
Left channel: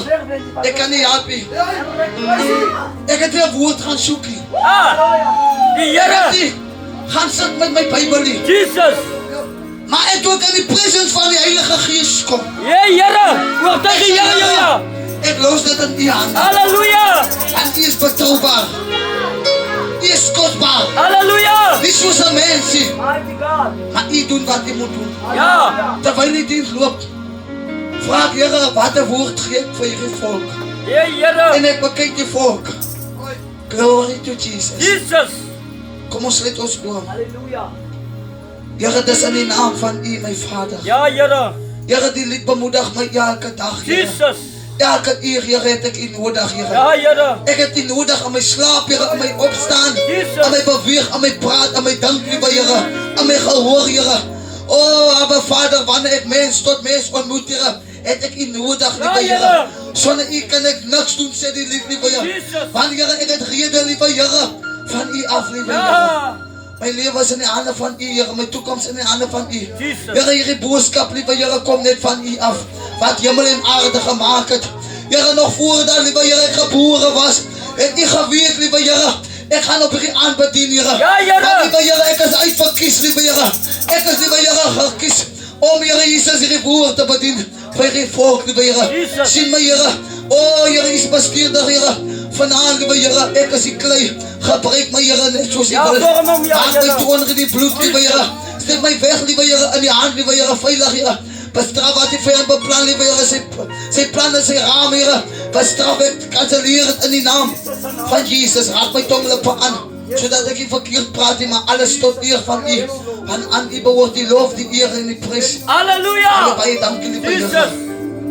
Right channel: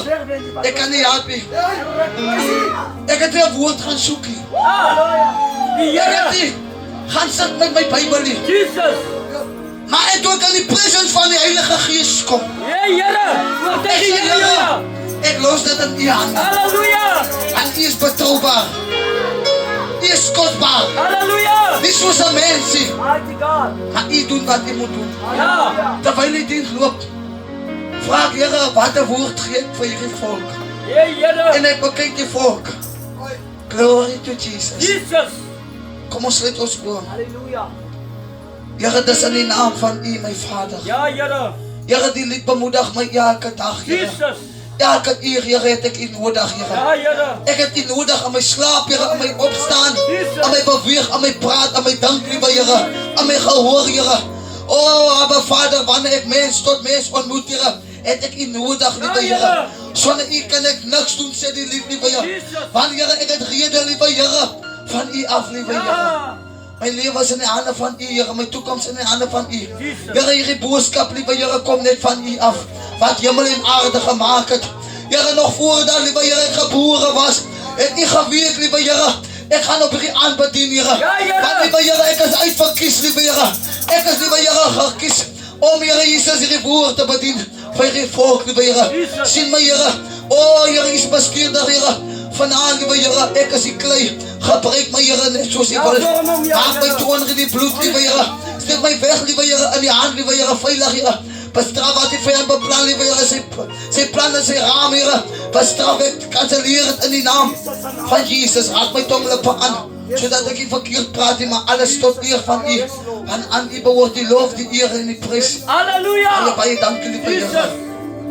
Ek kan nie help nie. Ek het weer woord gaan soek nie. Die Ek het Here. nie gaan sit met my Bybel nie. Jesus. Maar ek toe in die presence van die Heilige Gees kom. Hey, Here. Wat Ek zeg sê, je, Here, Halleluja. ek los dit in U hande. Halleluja. En U is betrouwbaar. U is kostbaar. Halleluja. Nie soos 'n mens nie. Maar U doen wat U moet doen. Ja. Terwyl die diens loop, vra ek, Here, wat 'n woord gee ek vir hierdie volk? Hey, Here. En ek bekyk die volk. Glory to Jesus. Jesus. Kom ons sluit ons oor. Here, dis in die naam van U, my Vader. Ja, Here. Here, die lied bemoedig my elke dag, Here. Jesus. Elke uur, Here, het ek U nodig, Here. Ja, Here. Ek het U nodig aan my slaap, Here, aan my opstaan, Jesus. aan my beweeg, aan my praat, aan my dank, liewe Here, aan my gehoor, Here. Oh, aber Vader, wanneer ek mens tot mens ontmoet, Here, het ek U nodig, liewe Ja, Here. Here. Sonder U kan ek niks doen, sê die lied, liewe Here. Jesus. Want, Here, ek het rede, liewe Here, van U af, liewe Here. Ja. My lewe is in die hande van U, Here. My toekoms in die hande van U. Jesus. Here, hierdie boodskap, liewe Here, kom net van U af. Wat hemel en aarde gemaak het. Here, nog voordat, liewe Here, ek gebore was, het U geweet, liewe Here, ek gaan op hierdie aanbedien, Here. Ja, Here. Want, liewe Here, ek is uitverkies, liewe Here. Ek is, liewe Here, gekies om, Here Jesus, hierdie woord te bedien vir hierdie volk, liewe Here. Jesus. Sien my, Here. Oh, Here, U is bestuurder, Here. Vanavond, liewe Here, ek is die klei. Gebruik my, Here, net soos U Ja, wil. vorm hom, ja, Maak my Here. toon in die bloed, liewe Here. Steek my weg, liewe Here, in die hand, liewe Here, veilig, Here. Bestraf wat die vyand beplan, liewe Here, sy plan en sy raam, Here. Bestraf ek, kanselleer het in die naam van Jesus. Raak my tonglippe aan, sodat ek nie verkeerd praat nie, maar alles tot eer van U. Want aan U behoort die lof, die eer en die prys. Halleluja. Baie dankie, liewe Here, Jesus.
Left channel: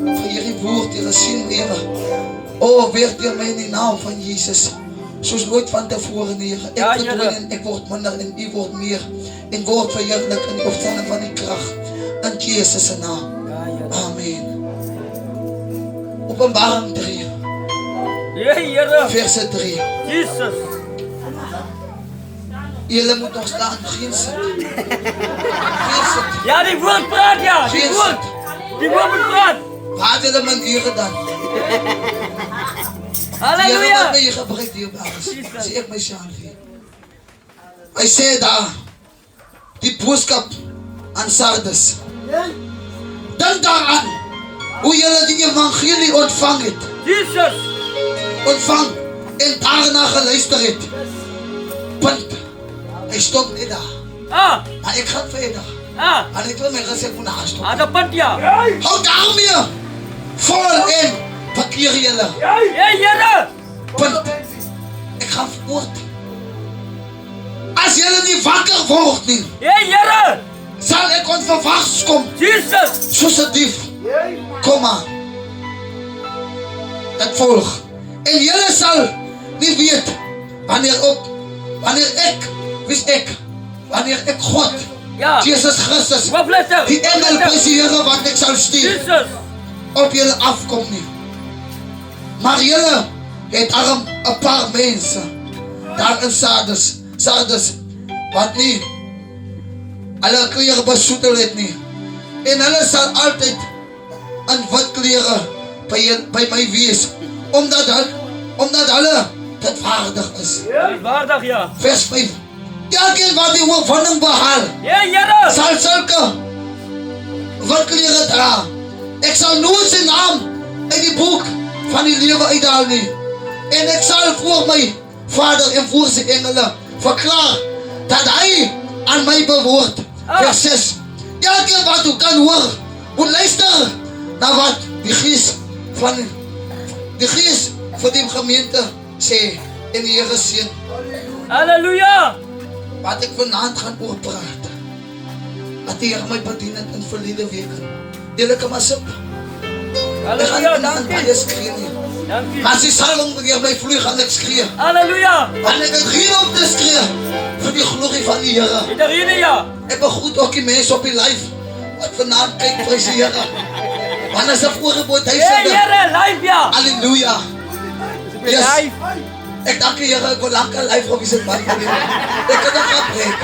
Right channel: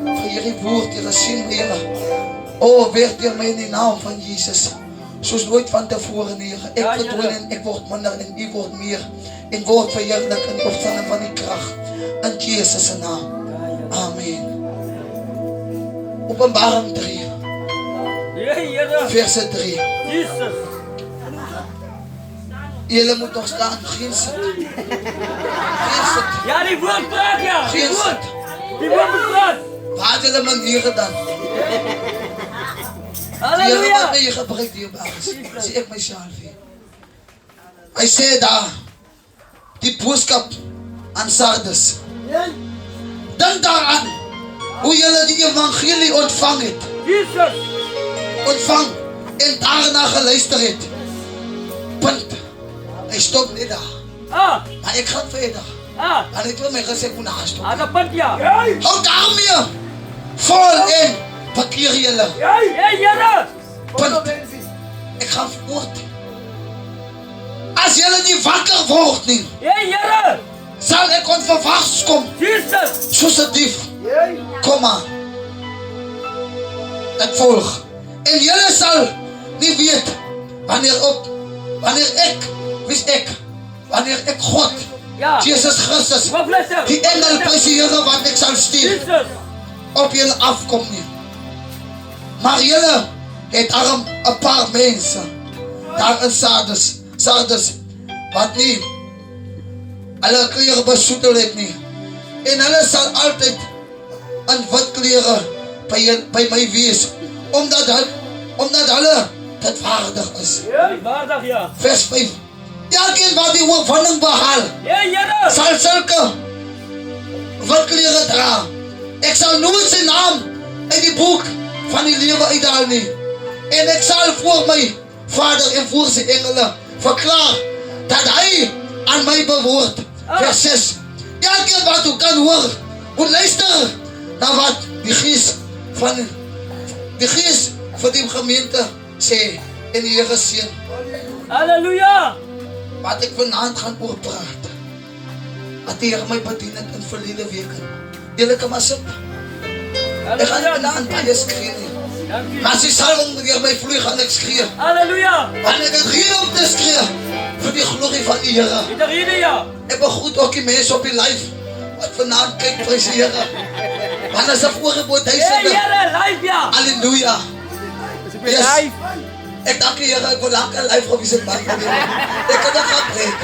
vir hierdie woord, Here, sien, Here. O, werk deur my in die naam van Jesus. Soos nooit van tevore, Here. Ek Ja, verdwyn Here. en ek word minder en U word meer. En word verheerlik in die opstanding van die krag. In Jesus se naam. Amen. Openbaring 3. Ja, Here. verse 3. Jesus. Julle moet nog staan, geen sit. Geen sit. Ja, die woord praat ja. Die Geen woord. sit. Die woord praat. Waar het julle maniere dan? Julle wat Halleluja. my hier gebruik dierbares, sê ek myself hier. Hy sê daar, die boodskap aan Sardes. Dink daaraan, hoe julle die evangelie ontvang het. Jesus. Ontvang en daarna geluister het. Punt. Hy stop net daar. Maar ek gaan verder. Maar ek wil my gesê ek moet na stop. Ada punt ja. Hou daarmee. Vol in. Verkeer julle. Hey, Here. Punt. Ek gaan voort. As julle nie wakker word nie, Hey, Here. sal ek onverwachts kom. Jesus. Soos 'n dief. Kom maar. Ek volg. En julle sal nie weet wanneer ek, wie's ek? Wanneer ek God, Ja. Jesus Christus, Wat letter? die engel presiere wat ek sal stuur, Jesus. op julle afkom nie. Maar julle het arm 'n paar mense daar in Sardes wat nie hulle klere besoedel het nie. En hulle sal altyd in wit klere by my wees, omdat hulle dit waardig is. Waardig ja. Vers 5. Elkeen wat die oorwinning behaal, Hey, Here. sal sulke wit klere dra. Ek sal nooit sy naam in die boek van die lewe uithaal nie. En ek sal voor my Vader en voor sy engele verklaar dat hy aan my behoort. Vers 6. Elkeen wat u kan hoor, moet luister na wat die gees van die gemeente sê en die Here seën. Halleluja. Wat ek vanaand gaan oor praat. Wat die Here my bedien het in verlede weke. Julle kan maar sit. Ek gaan Halleluja. vanaand baie skree nie. Dankie. As die salwing deur my vloei gaan ek skree. Halleluja. Want ek het hier op te skree vir die glorie van die Here. Dit hier ja. Ek begroet ook die mense op die live wat vanaand kyk, prys die Here. Want as 'n voorgebod Hey, duisende. Here, live ja. Halleluja. Yes. Live. Ek dank die Here, ek wil lank 'n live gewees het man. Ek kan nog gaan preek.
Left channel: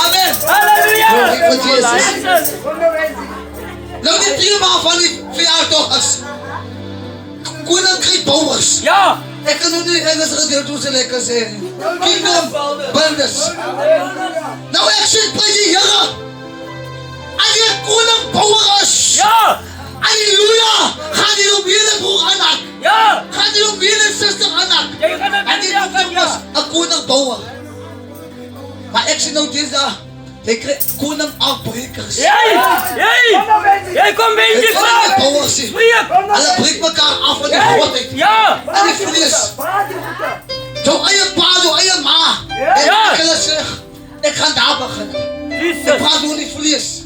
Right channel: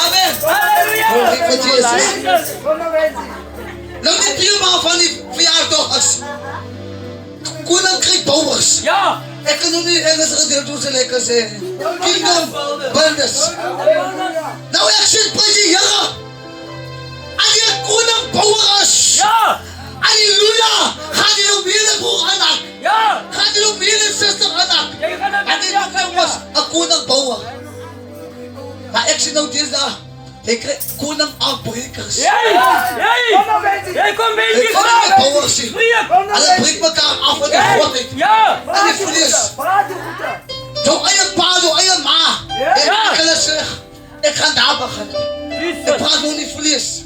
Amen. Halleluja. Glorie vir Jesus. Jesus. Nou die thema van die verjaardag is Koninkryk Bouwers. Ja. Ek kan nog nie Engels gedeelte hoe se lekker sê. Kingdom Builders. Nou ek sê prys die Here. As jy 'n koning bouwer is. Ja. Halleluja. Gaan jy op hierdie broer aanhak. Ja. Gaan jy op hierdie suster aanhak. Jy gaan dit En dit was 'n koning bouwer. Maar ek sê nou dis daar. Jy kry koning afbrekers. Hey. Jy kom by Ek die kan nie vraag. bouwer sien. Sleep. Hulle breek mekaar af van die godheid. Ja. En die vlees. Jou eie pa, jou eie ma. En Ja. ek hulle sê, ek gaan daar begin. Ek Jesus. praat nou nie vlees.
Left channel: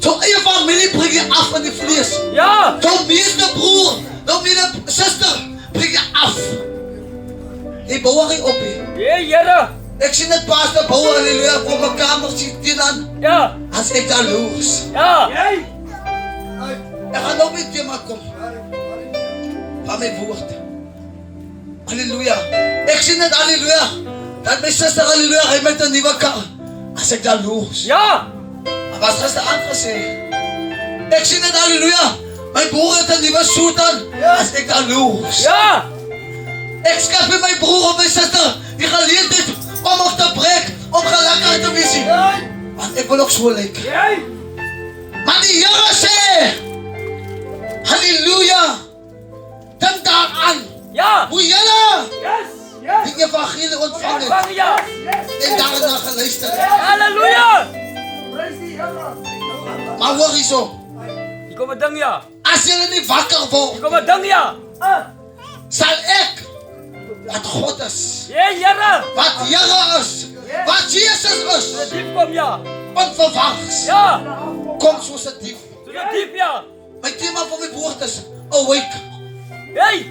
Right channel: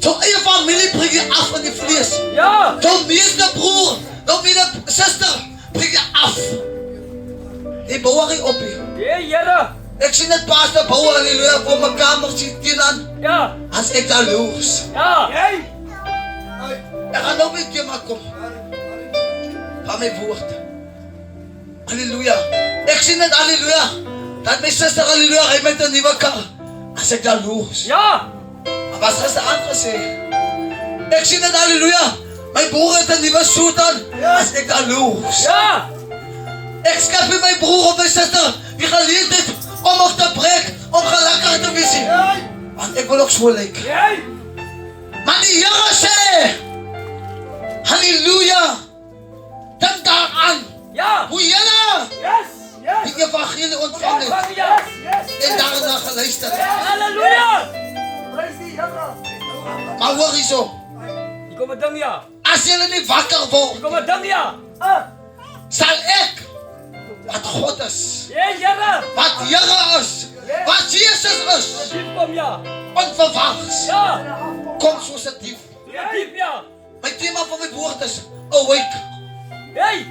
Jou eie familie breek je af van die vlees. Ja. Jou meeste broer, jou meeste suster, breek je af. Die bouwer nie op hier. Hey, Here. Ek sien het pastor bouwer in die leer voor my kamer sien teen aan. Ja. As ek daar loos. Ja. Ek gaan nou weer thema kom. Van my woord. Halleluja. Ek sien het halleluja. Dat my suster halleluja, hy met 'n nuwe kar. As ek daar loos. Ja. Maar wat gister aangesê? Ek sien het halleluja. My broer het 'n nuwe soet aan. As ek daar loos. Ja. Ek skep vir my broer of my suster die geleentheid om op te breek, om gelukkig te wees. Want ek wil ook so lyk. Maar die Here sê, halleluja, dink daaraan, Ja. hoe julle Yes. die evangelie ontvang het Ja. en daarna geluister het. Halleluja. Maar hoor hierso, Ek kom ding ja. as julle nie wakker word, Ek kom ding ja. sal ek, wat God is, Hey, Here. wat Here is, wat Jesus is, Diep kom ja. onverwachts, Ja. kom soos 'n dief. Diep ja. My thema van my woord is, awake. Hey.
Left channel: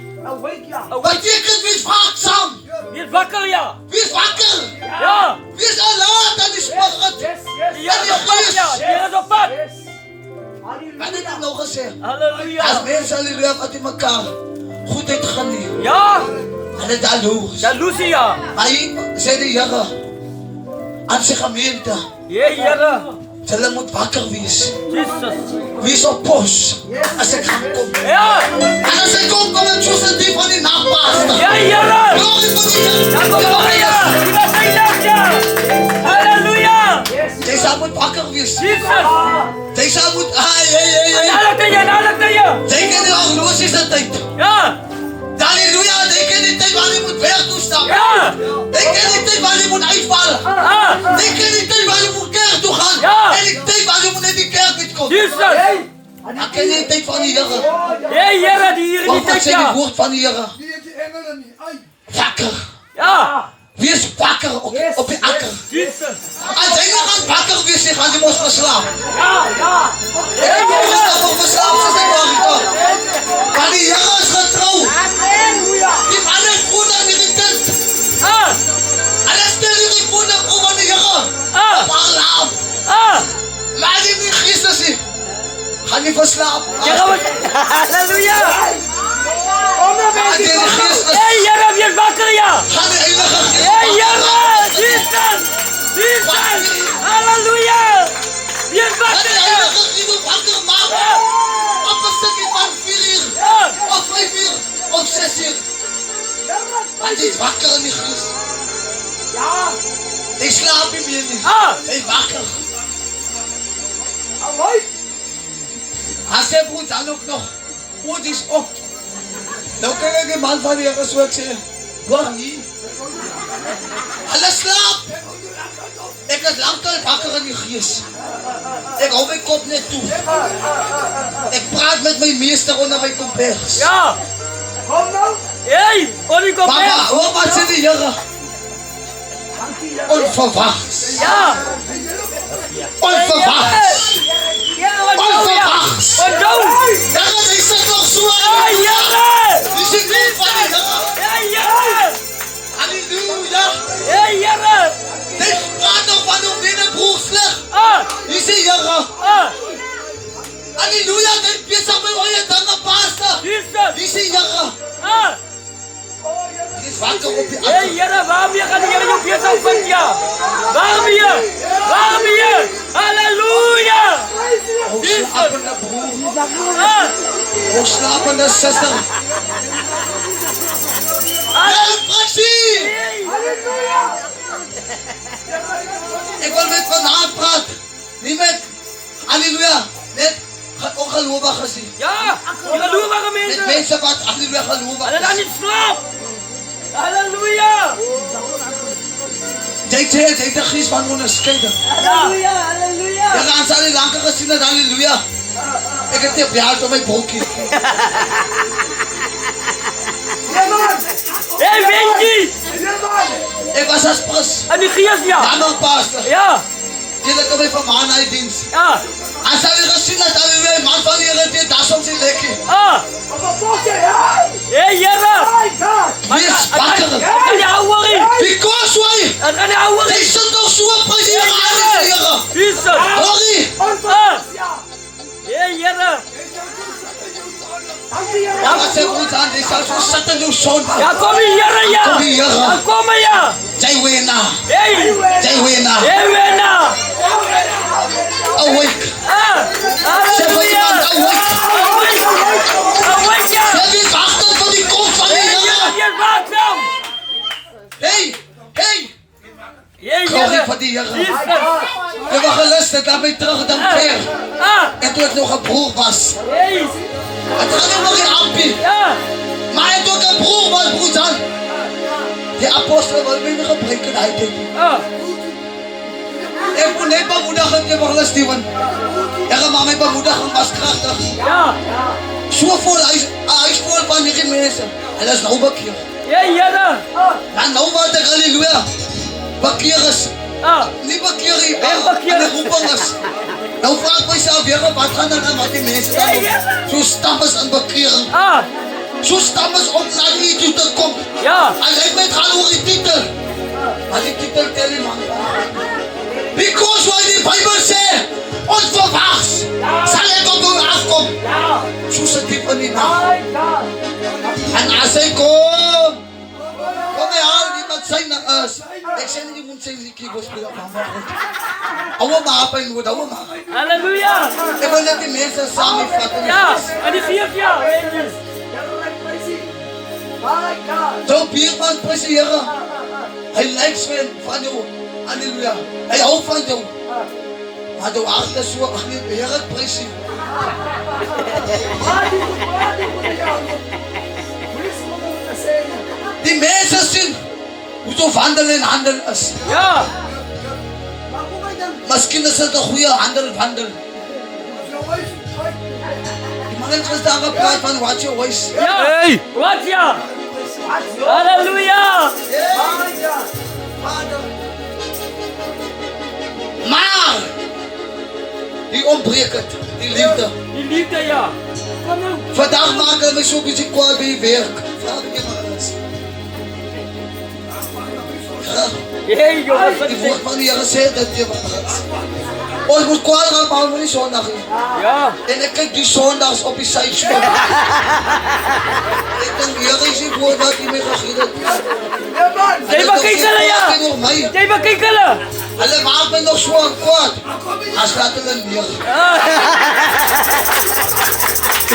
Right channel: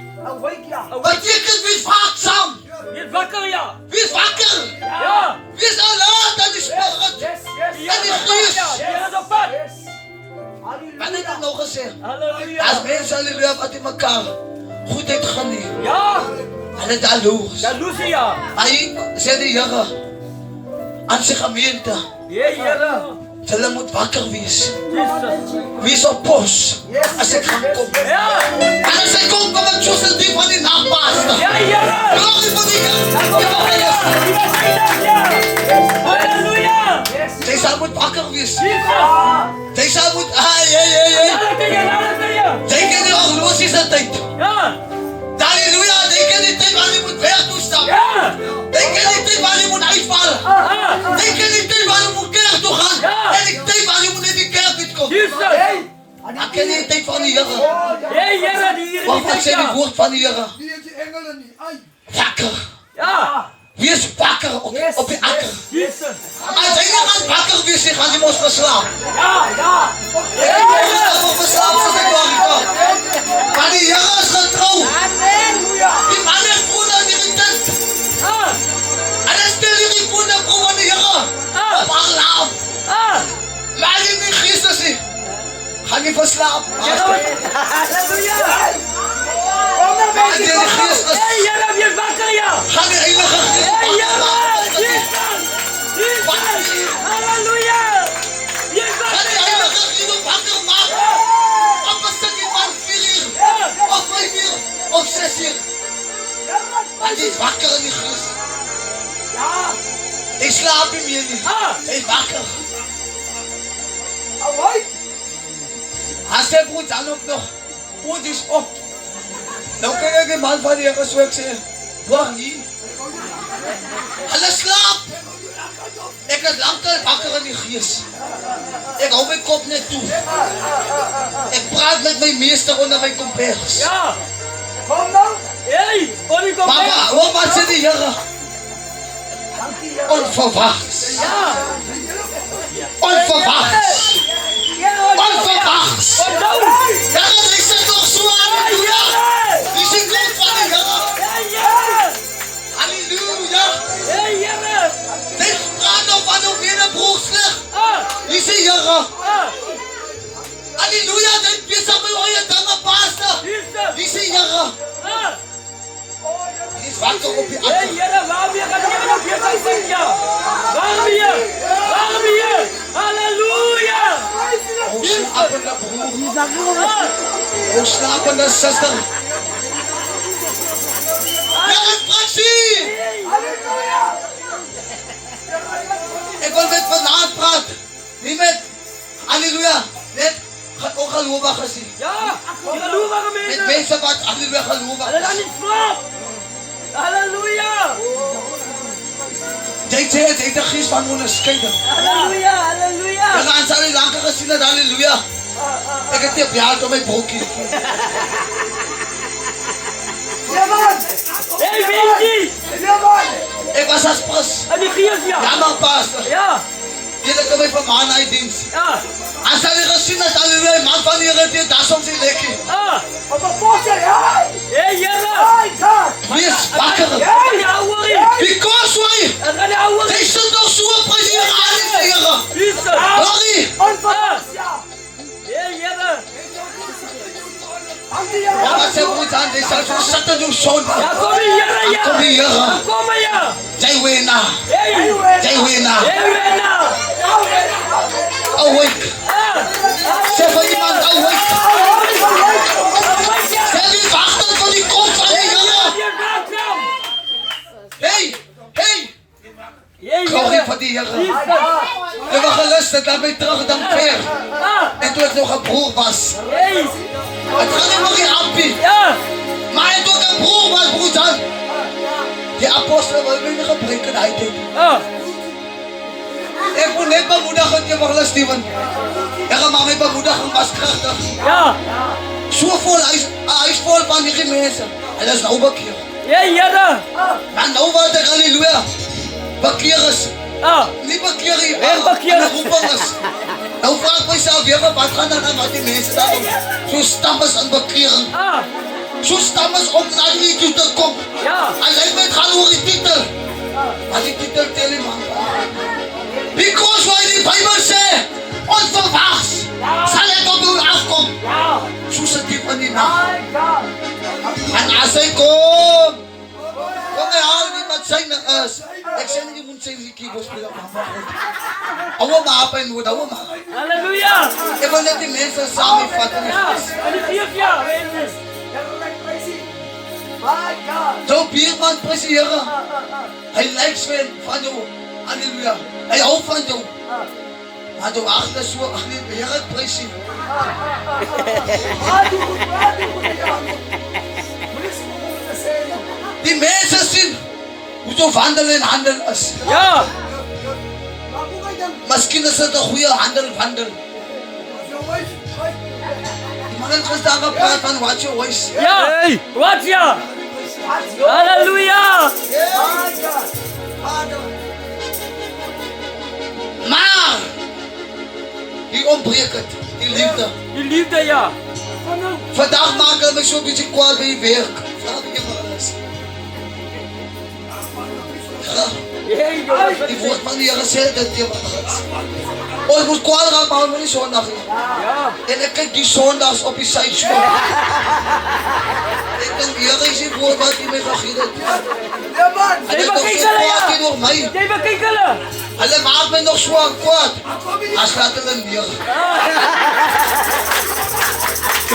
Beteken wees waaksaam, Weer wakker ja. wees wakker, Ja. wees alert aan die spirit. Ja. En die gees. Ja. Weer op pad. Wat het ek nou gesê? Halleluja. As mense halleluja wat in mekaar goedheid gaan nie. Ja. Hulle jaloers. Jaloesie, ja. Maar hier sê die Here aan sy gemeente, Ja, Here. hulle moet wakker wees. Jesus. Wees op pos as ek gaan kom. Ja. En as ek kom ek soos een dief van die nachtpaaster. Ja, Here. Glorie van die Here. Halleluja. Halleluja. Jy sal moet wakker wees. Jesus. Jy sal moet, Halleluja. jy ken die horlosies in tyd. Ja. Halleluja, jy ken die tyd waar jy moet weg toestap. Ja. Jy ken die tyd waar jy moet uitval. Ah. Jy ken die tyd waar jy moet kerk toe gaan. Ja. En die tyd waar jy moet net die kerk uitkom. Jesus. Dan ken jy die tyd van die Here. Ja, Here, die hier Wat sê die woord van die Here? Die het die engele nie. Ai. Wakker. Ja. Wees wakker op die akker. Jesus. As jy nie gaan wakker wees, jy gaan jy mos verslaap. Ja. Ek het nog verslaap soos ek waar gekom. Maar die Here is getrou. Die man het vroeg aan die tent. Ah. Hulle stel hierdie vroeg aan die Here. Op haar laam. Ah. Maar die nie Christus nie. Gaan nie verslaap. Halleluja. Maar die nie Christus. Hey, Here, wees wakker, ja. Gaan die heilige Gees Hey, Here. wakker. Jesus. Jesus. Halleluja. Wees Gaan die wakker, ja. heilige Gees wakker maak. Op een stukje van 4 uur. Ja. Of 5 uur. Of 6 uur. Want die is wakker in die Gees. Hy slaap nie meer nie. Ah. Hy is wakker. As hy broed dan ook nog. Oud is op. Nou kan ek die man van die Here so ek sê. Dwag nie. Hulle slaap. Ek is langtyd wakker in die Gees. Ek hou my kop net toe. Ek praat met my meester onder my kompers. Ja. Hey, Bonnie, kom Papa, her. hoor wat sê die Here? Onverwachts. Ja. Onverwachts. Onverwachts. Wat nou? Here, die sit nog so aan. Hey, Here. Die sê kom van die Here. Hey, Here. Halleluja. Hey, Here. Dit praat nou van op die broerslig. Ah. Die sê Here. Ah. Halleluja, dit besig my oor dinge pastor. Jesus. Die sê Here. Ah. Die is wakker op die Hey, akker. Here, waarom jy gaan hier op besig van ja? Waarom hier? Waarom hier? Halleluja. O slapende broer. Ah. O slapende suster. Ja, Fransie. Ek wil met vanaand praat. Nie met, halleluja, net ongelowiges nie. Ja, halleluja, Met mense. mense wat, halleluja, gelowig Hulle dan is. nie slaap. Halleluja. Jy sê, jy het 'n gees van onderskeiding. Halleluja, halleluja. Jy gaan sal nie langer gesien het, halleluja. Ek het nie op jou hart op my broekie. Hey, Wendy. Ek was as pres. En die gees ja. Jammer, pastor. Ja. Jy kom my van maan uit diens. Ja. As hy gesien het, halleluja, die man van die Here het das om sy lekkie. Ah. Hey, Here. Wees wakker. En die ouwerie. Because why? En die ouwerie. Jy sit nog so op as die Here aan die Here. Jesus. Glorie. Ah. Hey, Here. Wat sê broed aan, jy sal so sit in jou son. Ja, kom die Here, ja. Kom die Here. Ja, kom maar, ja. Jy wena. Hey. Jy wena. Hey, Wena. Awake. Ah. Sê vir iemand, awake. Awake, ja. Sê wie wacht vir die kom van die Here. Je gaat wel. Hey, hey. Hey, Glorie Here. vir die Here. Jesus. Jy was geluster, dan my terug dan ver. Ah. En toe ek nog 'n broer was. Hey. Het gaan nie nog die ampie. Ja. Maar hy het ook 'n broer was, broer Jan. Die apostel wil my nie gebruik in hy tyd. Ah. Ek moet net bemoediging gee vir hulle Steven. Here, maar my bemoediging was kragtig. Ja. So vol, hy is vol van hierdie mense. Hulle is nou bekeer. Hey, Here. En nou wat ek, halleluja, bekeer is. Ah. Nie bekeer hier, En bekeer en is. die roeping is. Nou vraag ek myself, Here, wat gaan dan aan wat die mense dan doen? So stam is in bekering. Ah. So stam is om na die toe te kom. Ja. Alleen met gaan oor die titel. Maar die titel tel nie man. Because why die Bijbel sê, onverwachts sal ek op u afkom. Ja. So sit diep in die nacht. En as hy kom, Yes. Ek sê nie jy moet sê die gospel op mama God. Ouwe maar op en moet, ouwe maar. Halleluja. Ek wil net die mense saam vat in die Ja, gees. en die 4 jaar, weet je. Zo Bierman, prys die Here. Hy lyk van jou. Halleluja. Hy hou van jou. Maar jou hart is so, Here prys U. Die mense sien hoe jy wandel en handel is. Ja, Miskien is dit 'n goeie wandel. Die man het gister gepraat van watch your voice. ja. Wat ja? Halleluja. Maar die ontbreek het, die liefde. Die liefde, ja. Vandag maak hulle my so 'n bietjie kwaad by die werk. Vader, jy maar alles. Hey, jongens, wat Die is woord dit? van die Here sê dat jy maar alles. Ons moet kwaad raak, maar ons moet nie Sondag nie. Ja. En ek kyk die Sondags op die sydspoor. Ek dink die Here is die woord wat hy my gegee het. Hy Jy het nog bekyk so hulle, kwaad ja. teenoor my. Jy bekyk hulle. Hulle maak my nog so kwaad. As laat hulle neer.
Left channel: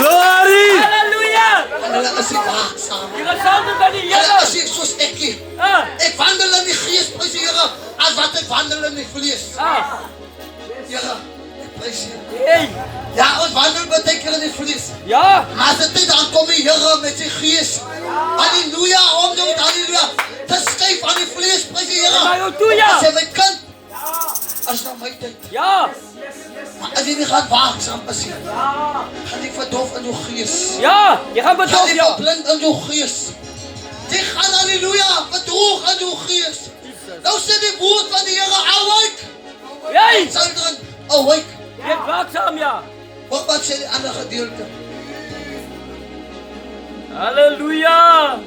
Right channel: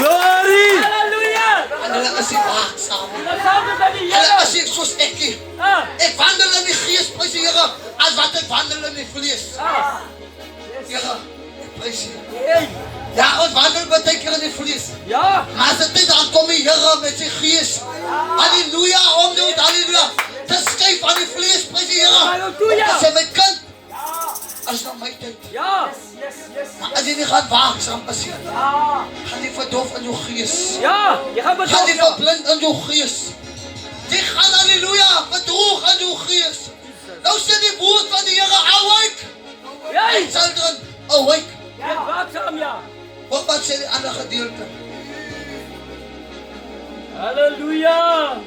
Halleluja. En hulle is nie waaksaam. Wat saam met die Hulle Here. is nie soos ek nie. Ah, Ek wandel in die gees, prys die Here, as wat ek wandel in die vlees. ah. Here, ek prys U. Hey. Ja, ons wandel baie keer in die vlees. Ja. Maar as dit dan kom die Here met sy gees. Halleluja, om jou halleluja. Te skryf aan die vlees, prys die Here. Halleluja. Sê my kind, as nou my tyd. Ja. Maar as jy nie gaan waaksaam is nie, gaan jy verdoof in jou gees. Ja. Jy gaan Gaan bedoel, jy ja. verblind in jou gees. Jy gaan halleluja, verdroog in jou gees. Nou sê die woord van die Here, awake. Hey. Children, awake. Jy waaksaam, ja. Wat sê die ander gedeelte? Halleluja.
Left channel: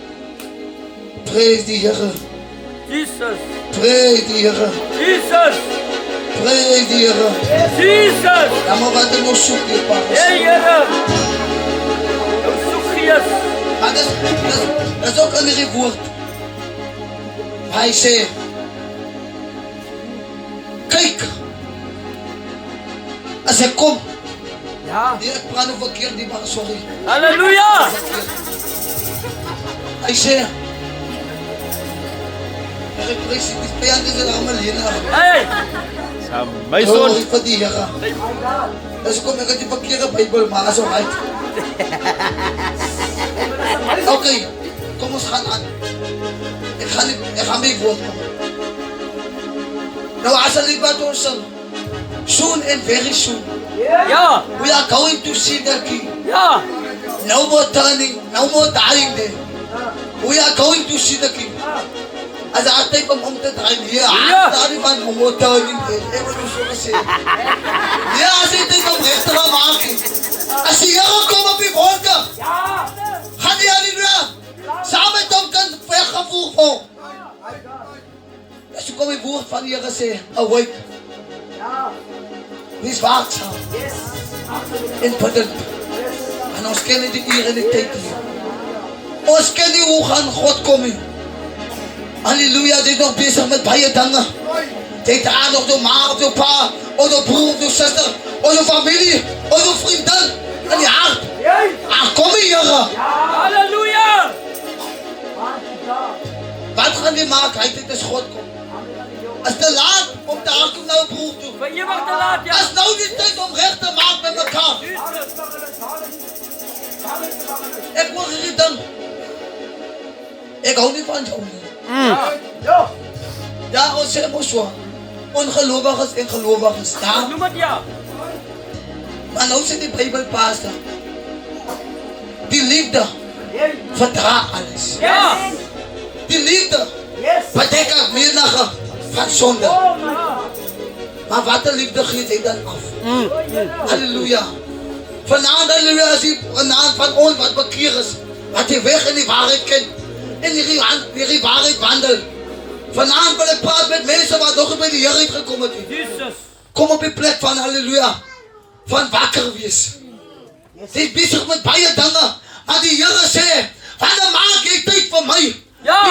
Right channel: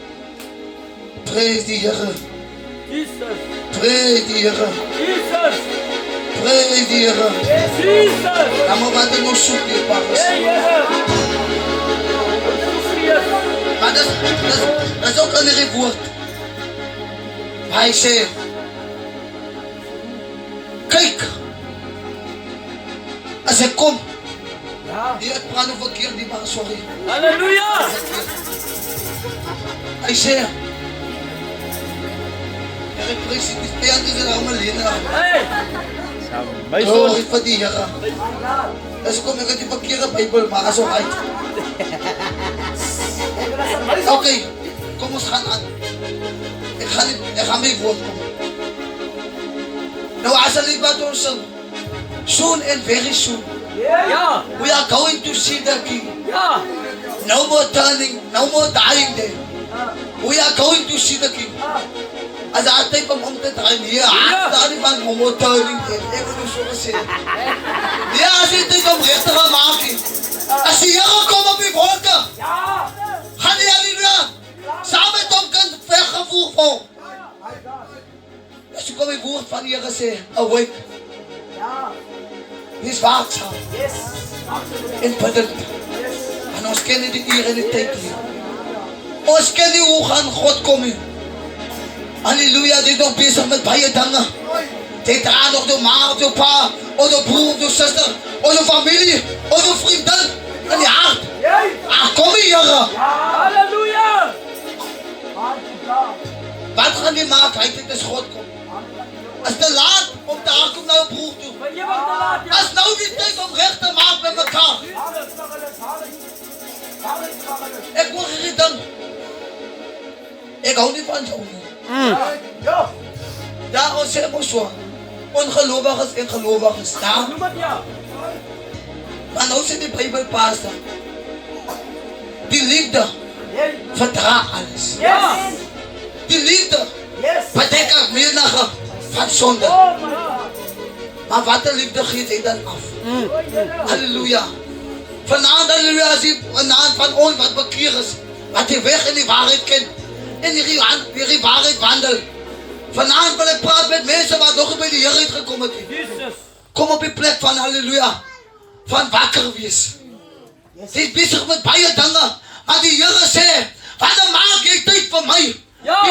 Prys die Here. Jesus. Prys die Here. Jesus. Prys die Here. Jesus. Dan maar wat er nog soek die paas. Hey, Here. Sofias. Maar dat is ook een ander woord. Waar hy sê, kyk, as ek kom, Ja. nee, ek praat nou verkeerd die man, sorry. Halleluja. Hy sê, Here prys die vijand is er allemaal lenig. Hey. My Glory vir die Here. Dis kom ek het die verkeerde Bybel, maar as ook uit. Okay, kom ons gaan aan. Ek gaan my woord kom. Nou as ek wat ons sing, soon and very soon, Ja. we are going to see the King. Ja. No more turning, no more dying there. We are going to see the King. As I take om te draai, nee, daar nie van no more turning there. Ek wil so gesê. Nee, as jy dit om recht te gaan maak nie. As die Here kom op die wolke, gaan die halleluja, saam met hom kan weggevoer word. As kom die woord van die Here sê, awake. Wees waaksaam. En bidend. En ons ken nie die uur en die tyd nie. Ons ken nie hoe gaan God kom nie. Halleluja, jy is nog bezig met baie dinge. Jy dra nog jou ma of jou pa, of jou broer of jou suster, of jou familie, of jou vriendin in die hart. Kom die Here. Halleluja. Wat gaan die maak? Hy dit is God kom. As te laat om te kom na jou broer toe. Maar jy mag te laat, ja. As nou die tyd om reg te maak met mekaar. Ek wil hierdie ding. Ek hou nie van jou nie. Ja, ons sê mos so. Ongelowiges en gelowiges. Ja, Noem het ja. maar nou sê die Bybel pastor. Die liefde verdra alles. Ja. Die liefde bedek menige van sonde. Maar wat 'n liefde gee hy dan af? Halleluja. Vanaand halleluja as jy vanaand van ons wat bekeer is, wat die weg in die waarheid ken, en die waarheid wandel. Vanaand wil ek praat met mense wat nog by die Here uitgekom het. Jesus. Kom op die plek van halleluja, van wakker wees. Jy is besig met baie dinge, maar die Here sê, wanneer maak jy tyd vir my? Ja. Die